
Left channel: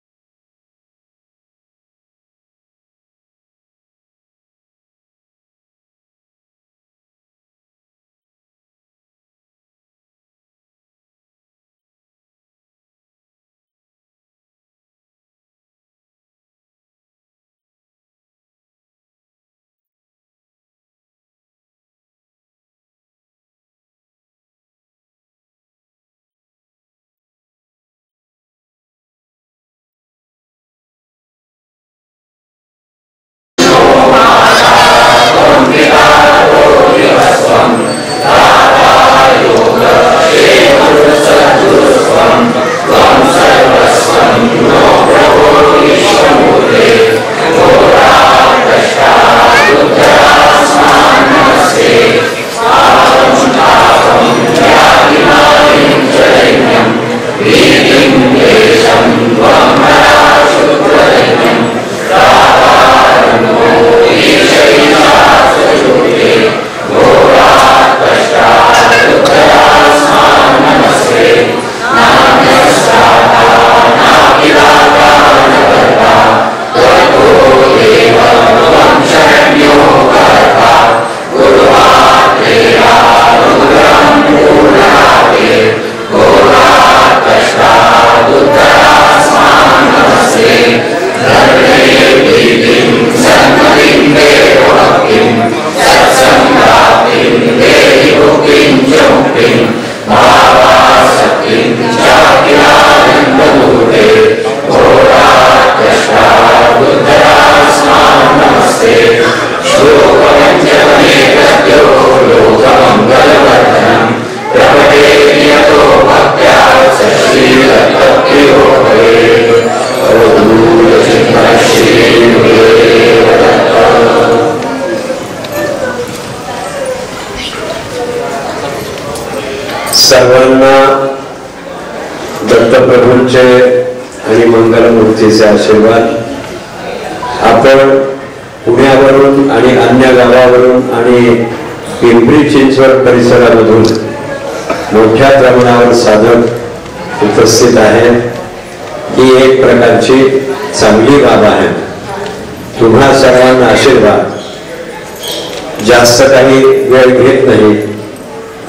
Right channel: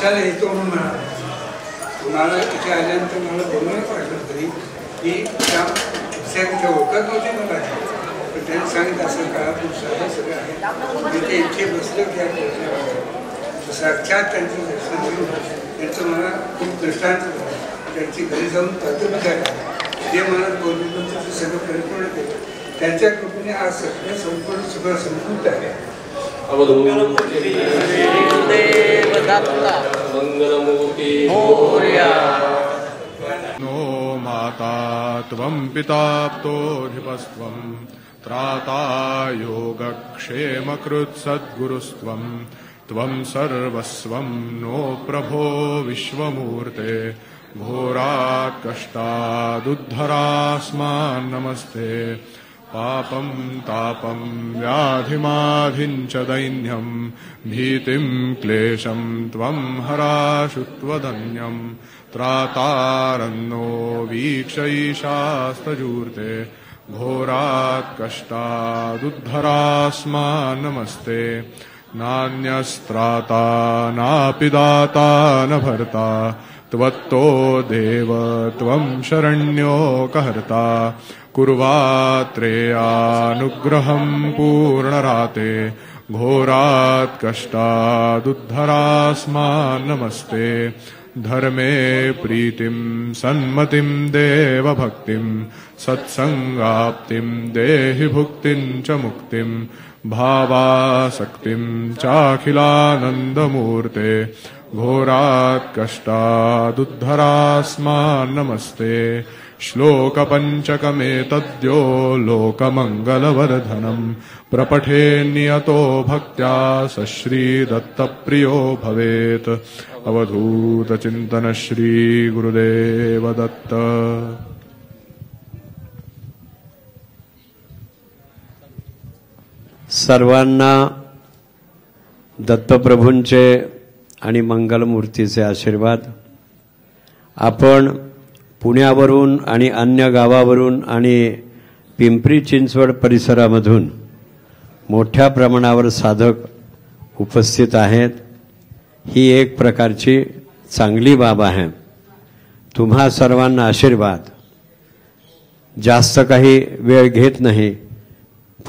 भेटायला येतो म्हणून म्हणाला. तुम्हाला इथे आल्यानंतर मला बोलायला पाहिलं तरी की त्या कुठे ओळखत नव्हते मला, पण त्यांनी सांगितलं असं काळापूर सगळं आहे तिथे इथे बसलं त्या साक्षात त्यांचं दर्शन घेऊन त्यांचं मला खूप दृष्टांत झालं. त्यांची घरी जाऊन तत्व झाला ते मला बोलून ते सगळं परिपूर्ण केलं. त्यांच्या कृपेने आज सगळं संपूर्ण सगळं संपूर्ण आहे. मंगलमूर्ती सर्वांना दत्तप्रभूंचे आणि मंगलमूर्तीचे आशीर्वाद. आपण पुण्यावरून आणि अन्य गावावरून आणि पिंपरी चिंचवड परिसरामधून मोठ्या प्रमाणावर साधक उपस्थित आहेत. ही एक प्रकारची चांगली बाब आहे. तुम्हा सर्वांना आशीर्वाद. जास्त काही वेळ घेत नाही,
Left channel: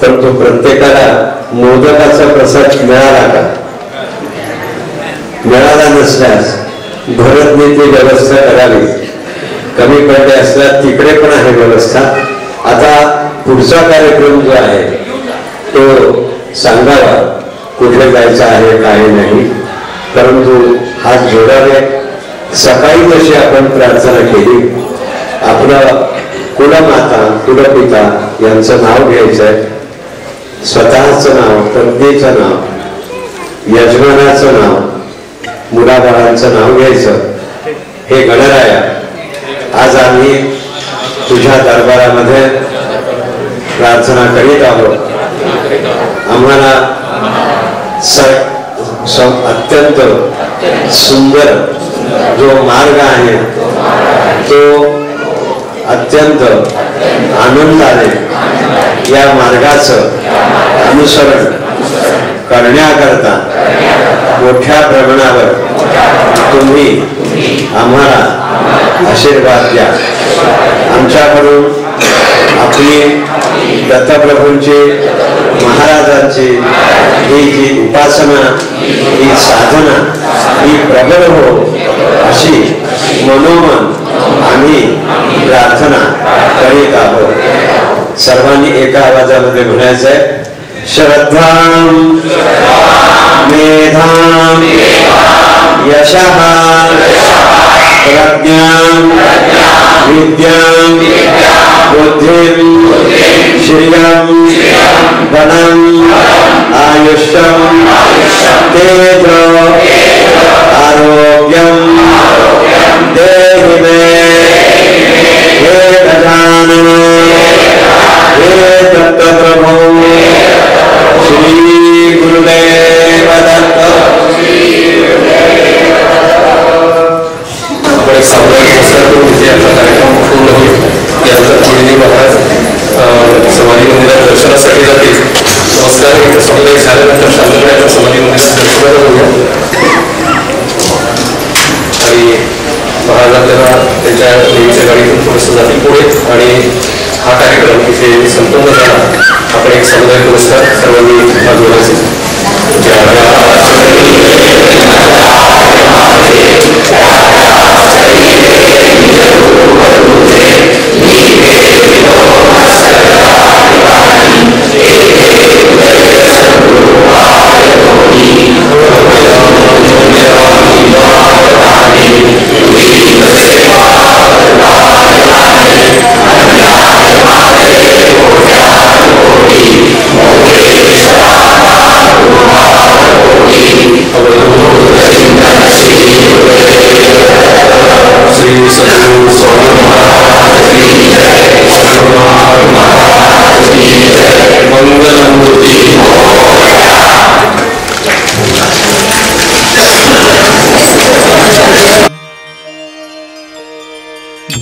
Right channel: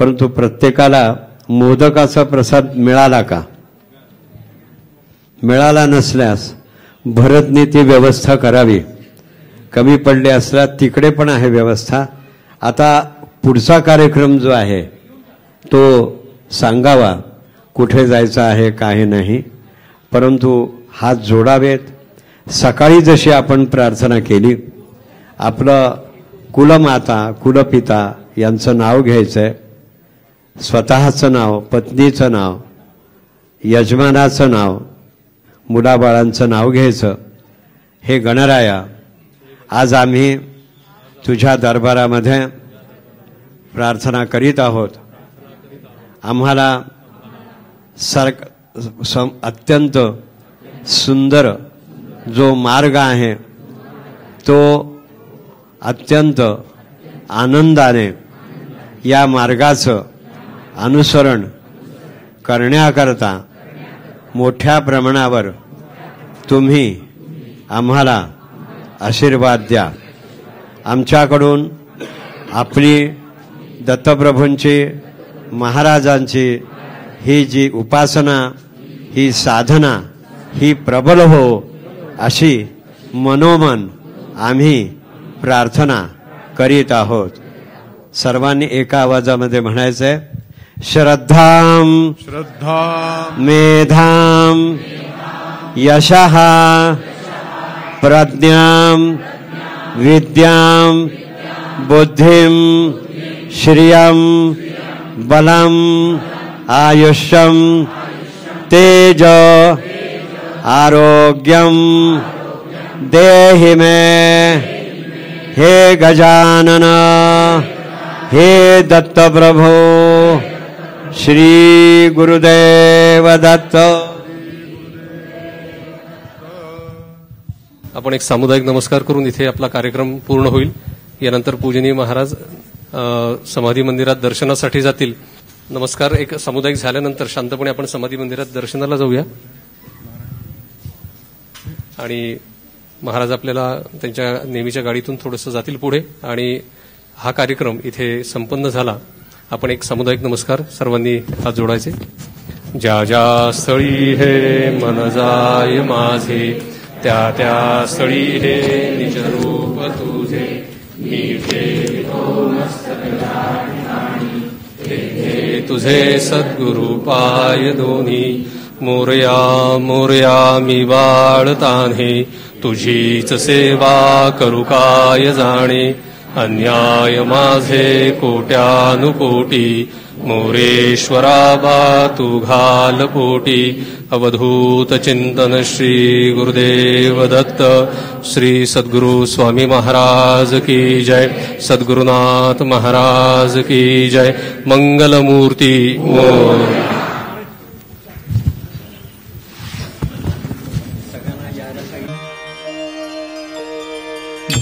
परंतु प्रत्येकाला मोदकाचा प्रसाद मिळाला का? मिळाला नसल्यास भरतने ती व्यवस्था करावी. कमी पडले असल्यास तिकडे पण आहे व्यवस्था. आता पुढचा कार्यक्रम जो आहे तो सांगावा, कुठे जायचं आहे काही नाही, परंतु हात जोडावे. सकाळी जशी आपण प्रार्थना केली, आपलं कुलमाता कुलपिता यांचं नाव घ्यायचंय, स्वतःचं नाव, पत्नीचं नाव, यजमानाचं नाव, मुलाबाळांचं नाव घ्यायचं. हे गणराया, आज आम्ही तुझ्या दरबारामध्ये प्रार्थना करीत आहोत. आम्हाला अत्यंत सुंदर जो मार्ग आहे तो अत्यंत आनंदाने या मार्गाचं अनुसरण करण्याकरता मोठ्या प्रमाणावर तुम्ही आम्हाला आशीर्वाद द्या. आमच्याकडून आपली दत्तप्रभूंची, महाराजांची ही जी उपासना, ही साधना, ही प्रबल हो अशी मनोमन आम्ही प्रार्थना करीत आहोत. सर्वांनी एका आवाजामध्ये म्हणायचंय, श्रद्धां मेधां यशः प्रज्ञां विद्यां बुद्धिं श्रियं बलं आयुष्यं तेज आरोग्यं देहि मे. हे गजानन, हे दत्तप्रभु, श्री गुरुदेव दत्त. आपण एक सामुदायिक प्रसार करून तिथे आपला कार्यक्रम पूर्ण होईल. यानंतर पुढील महाराज समाधी मंदिरात दर्शनासाठी जातील. नमस्कार सामुदायिक झाल्यानंतर शांतपणे आपण समाधी मंदिरात दर्शनाला जाऊया. महाराज आपल्याला त्यांच्या देवीच्या गाडीतून थोडंसं जातील पुढे आणि हा कार्यक्रम इथे संपन्न झाला. आपण एक सामुदायिक पुरस्कार सर्वांनी भाग घेण्याचे.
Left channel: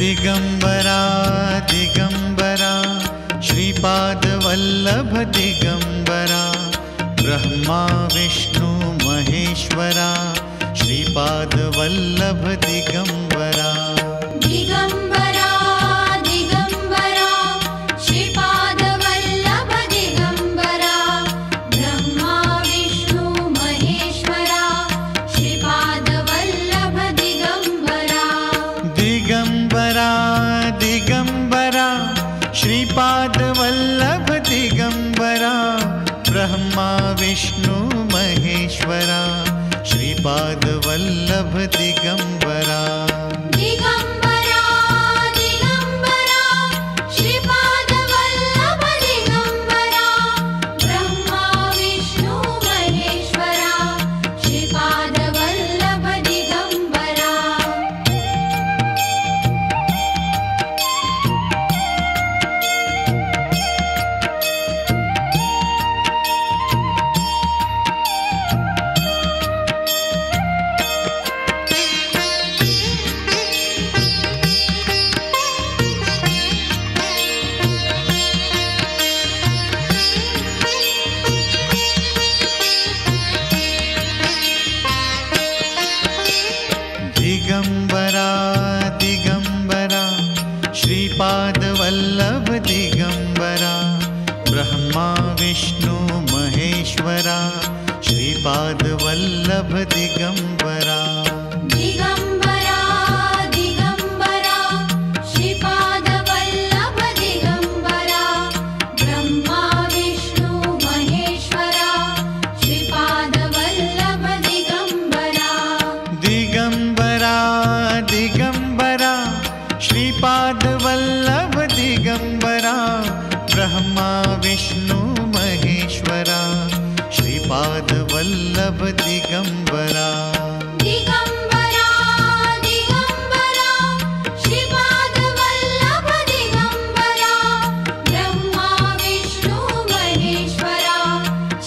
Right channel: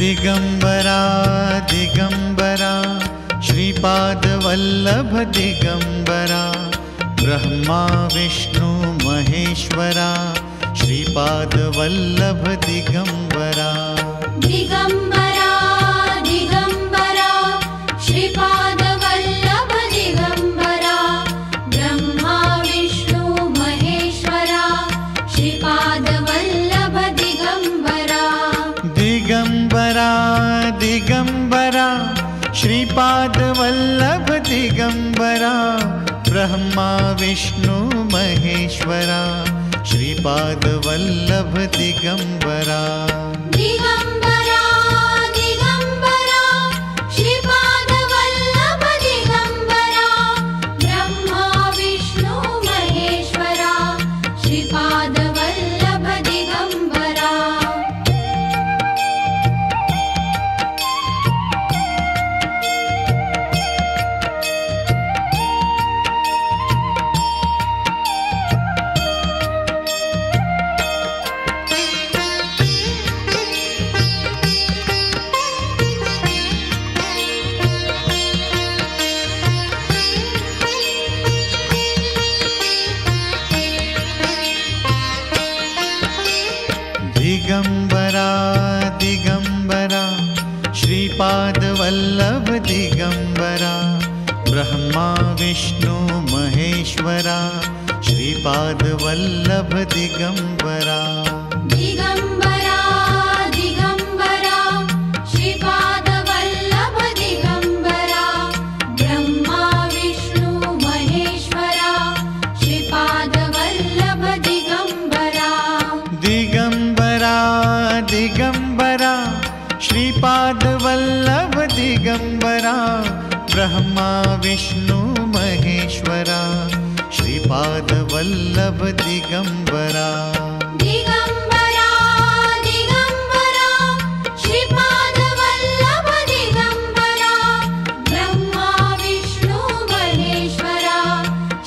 दिगंबरा दिगंबरा श्रीपाद वल्लभ दिगंबरा ब्रह्मा विष्णु महेश्वरा श्रीपाद वल्लभ दिगंबरा. दिगंबरा दिगंबरा श्रीपाद वल्लभ दिगंबरा ब्रह्मा विष्णु महेश्वरा श्रीपाद वल्लभ दिगंबरा. दिगंबरा दिगंबरा श्रीपाद वल्लभ दिगंबरा ब्रह्मा विष्णु महेश्वरा श्रीपाद वल्लभ दिगंबरा. दिगंबरा दिगंबरा श्रीपाद वल्लभ दिगंबरा ब्रह्मा विष्णु महेश्वरा श्रीपाद वल्लभ दिगंबरा. दिगंबरा दिगंबरा श्रीपाद वल्लभ दिगंबरा ब्रह्मा विष्णु महेश्वरा श्रीपाद वल्लभ दिगंबरा. दिगंबरा दिगंबरा श्रीपाद वल्लभ दिगंबरा ब्रह्मा विष्णु महेश्वरा श्रीपाद वल्लभ दिगंबरा. दिगंबरा दिगंबरा श्रीपाद वल्लभ दिगंबरा ब्रह्मा विष्णु महेश्वरा श्रीपाद वल्लभ दिगंबरा. दिगंबरा दिगंबरा श्रीपाद वल्लभ दिगंबरा ब्रह्मा विष्णु महेश्वरा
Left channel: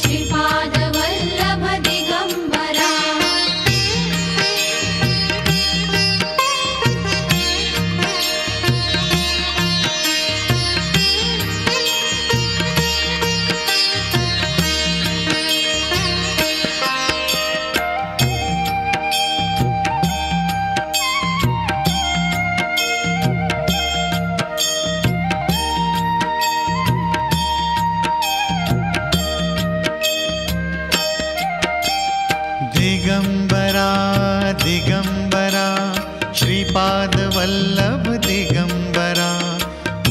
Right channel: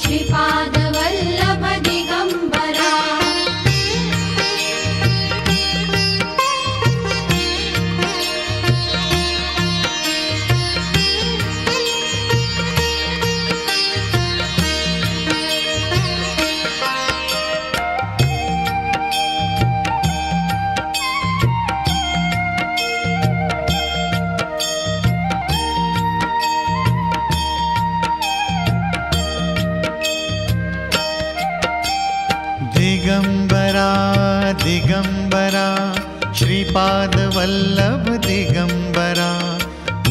श्रीपाद वल्लभ दिगंबरा. दिगंबरा दिगंबरा श्रीपाद वल्लभ दिगंबरा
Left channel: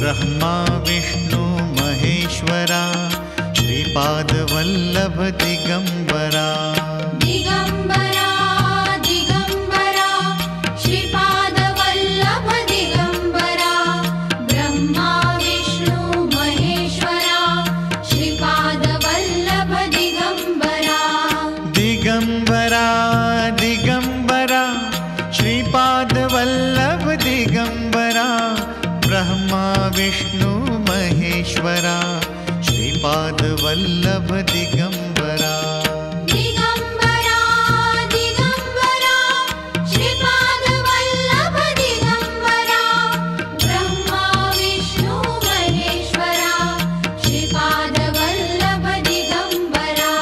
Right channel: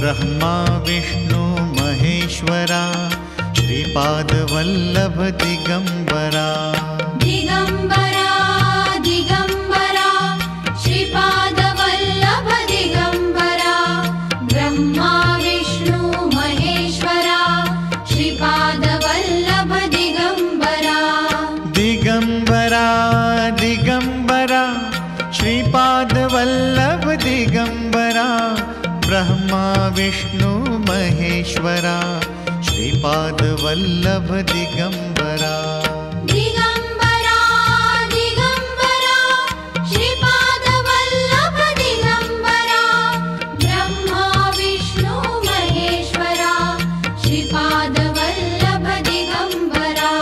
ब्रह्मा विष्णु महेश्वरा श्रीपाद वल्लभ दिगंबरा. दिगंबरा दिगंबरा श्रीपाद वल्लभ दिगंबरा ब्रह्मा विष्णु महेश्वरा श्रीपाद वल्लभ दिगंबरा. दिगंबरा दिगंबरा श्रीपाद वल्लभ दिगंबरा ब्रह्मा विष्णु महेश्वरा श्रीपाद वल्लभ दिगंबरा. दिगंबरा दिगंबरा श्रीपाद वल्लभ दिगंबरा ब्रह्मा विष्णु महेश्वरा श्रीपाद वल्लभ दिगंबरा.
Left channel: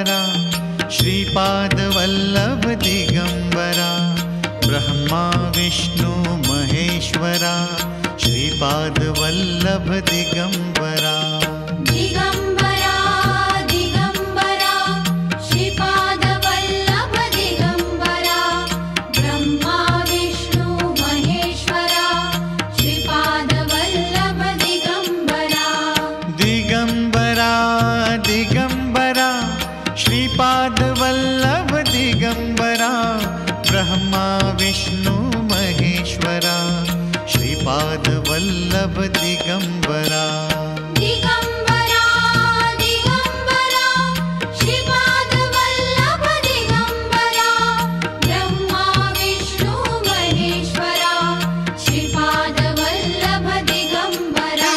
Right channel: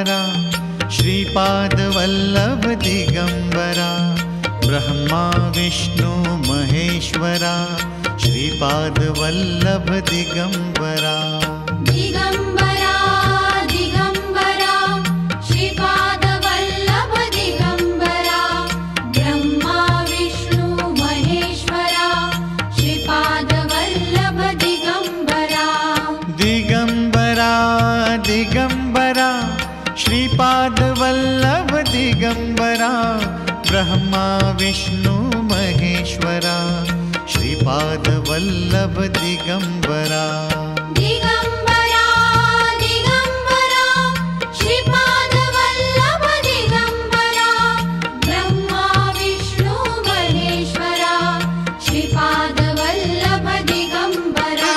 दिगंबरा श्रीपादवल्लभ दिगंबरा ब्रह्मा विष्णु महेश्वरा श्रीपादवल्लभ दिगंबरा दिगंबरा दिगंबरा श्रीपादवल्लभ दिगंबरा ब्रह्मा विष्णु महेश्वरा श्रीपादवल्लभ दिगंबरा दिगंबरा दिगंबरा श्रीपादवल्लभ दिगंबरा ब्रह्मा विष्णु महेश्वरा श्रीपादवल्लभ दिगंबरा दिगंबरा दिगंबरा श्रीपादवल्लभ दिगंबरा ब्रह्मा विष्णु महेश्वरा श्रीपादवल्लभ दिगंबरा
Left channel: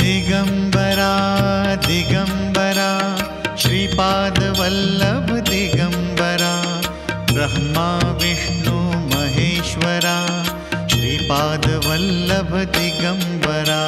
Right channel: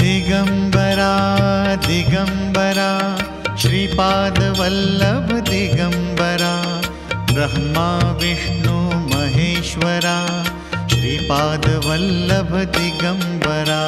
दिगंबरा दिगंबरा श्रीपादवल्लभ दिगंबरा ब्रह्मा विष्णु महेश्वरा श्रीपादवल्लभ दिगंबरा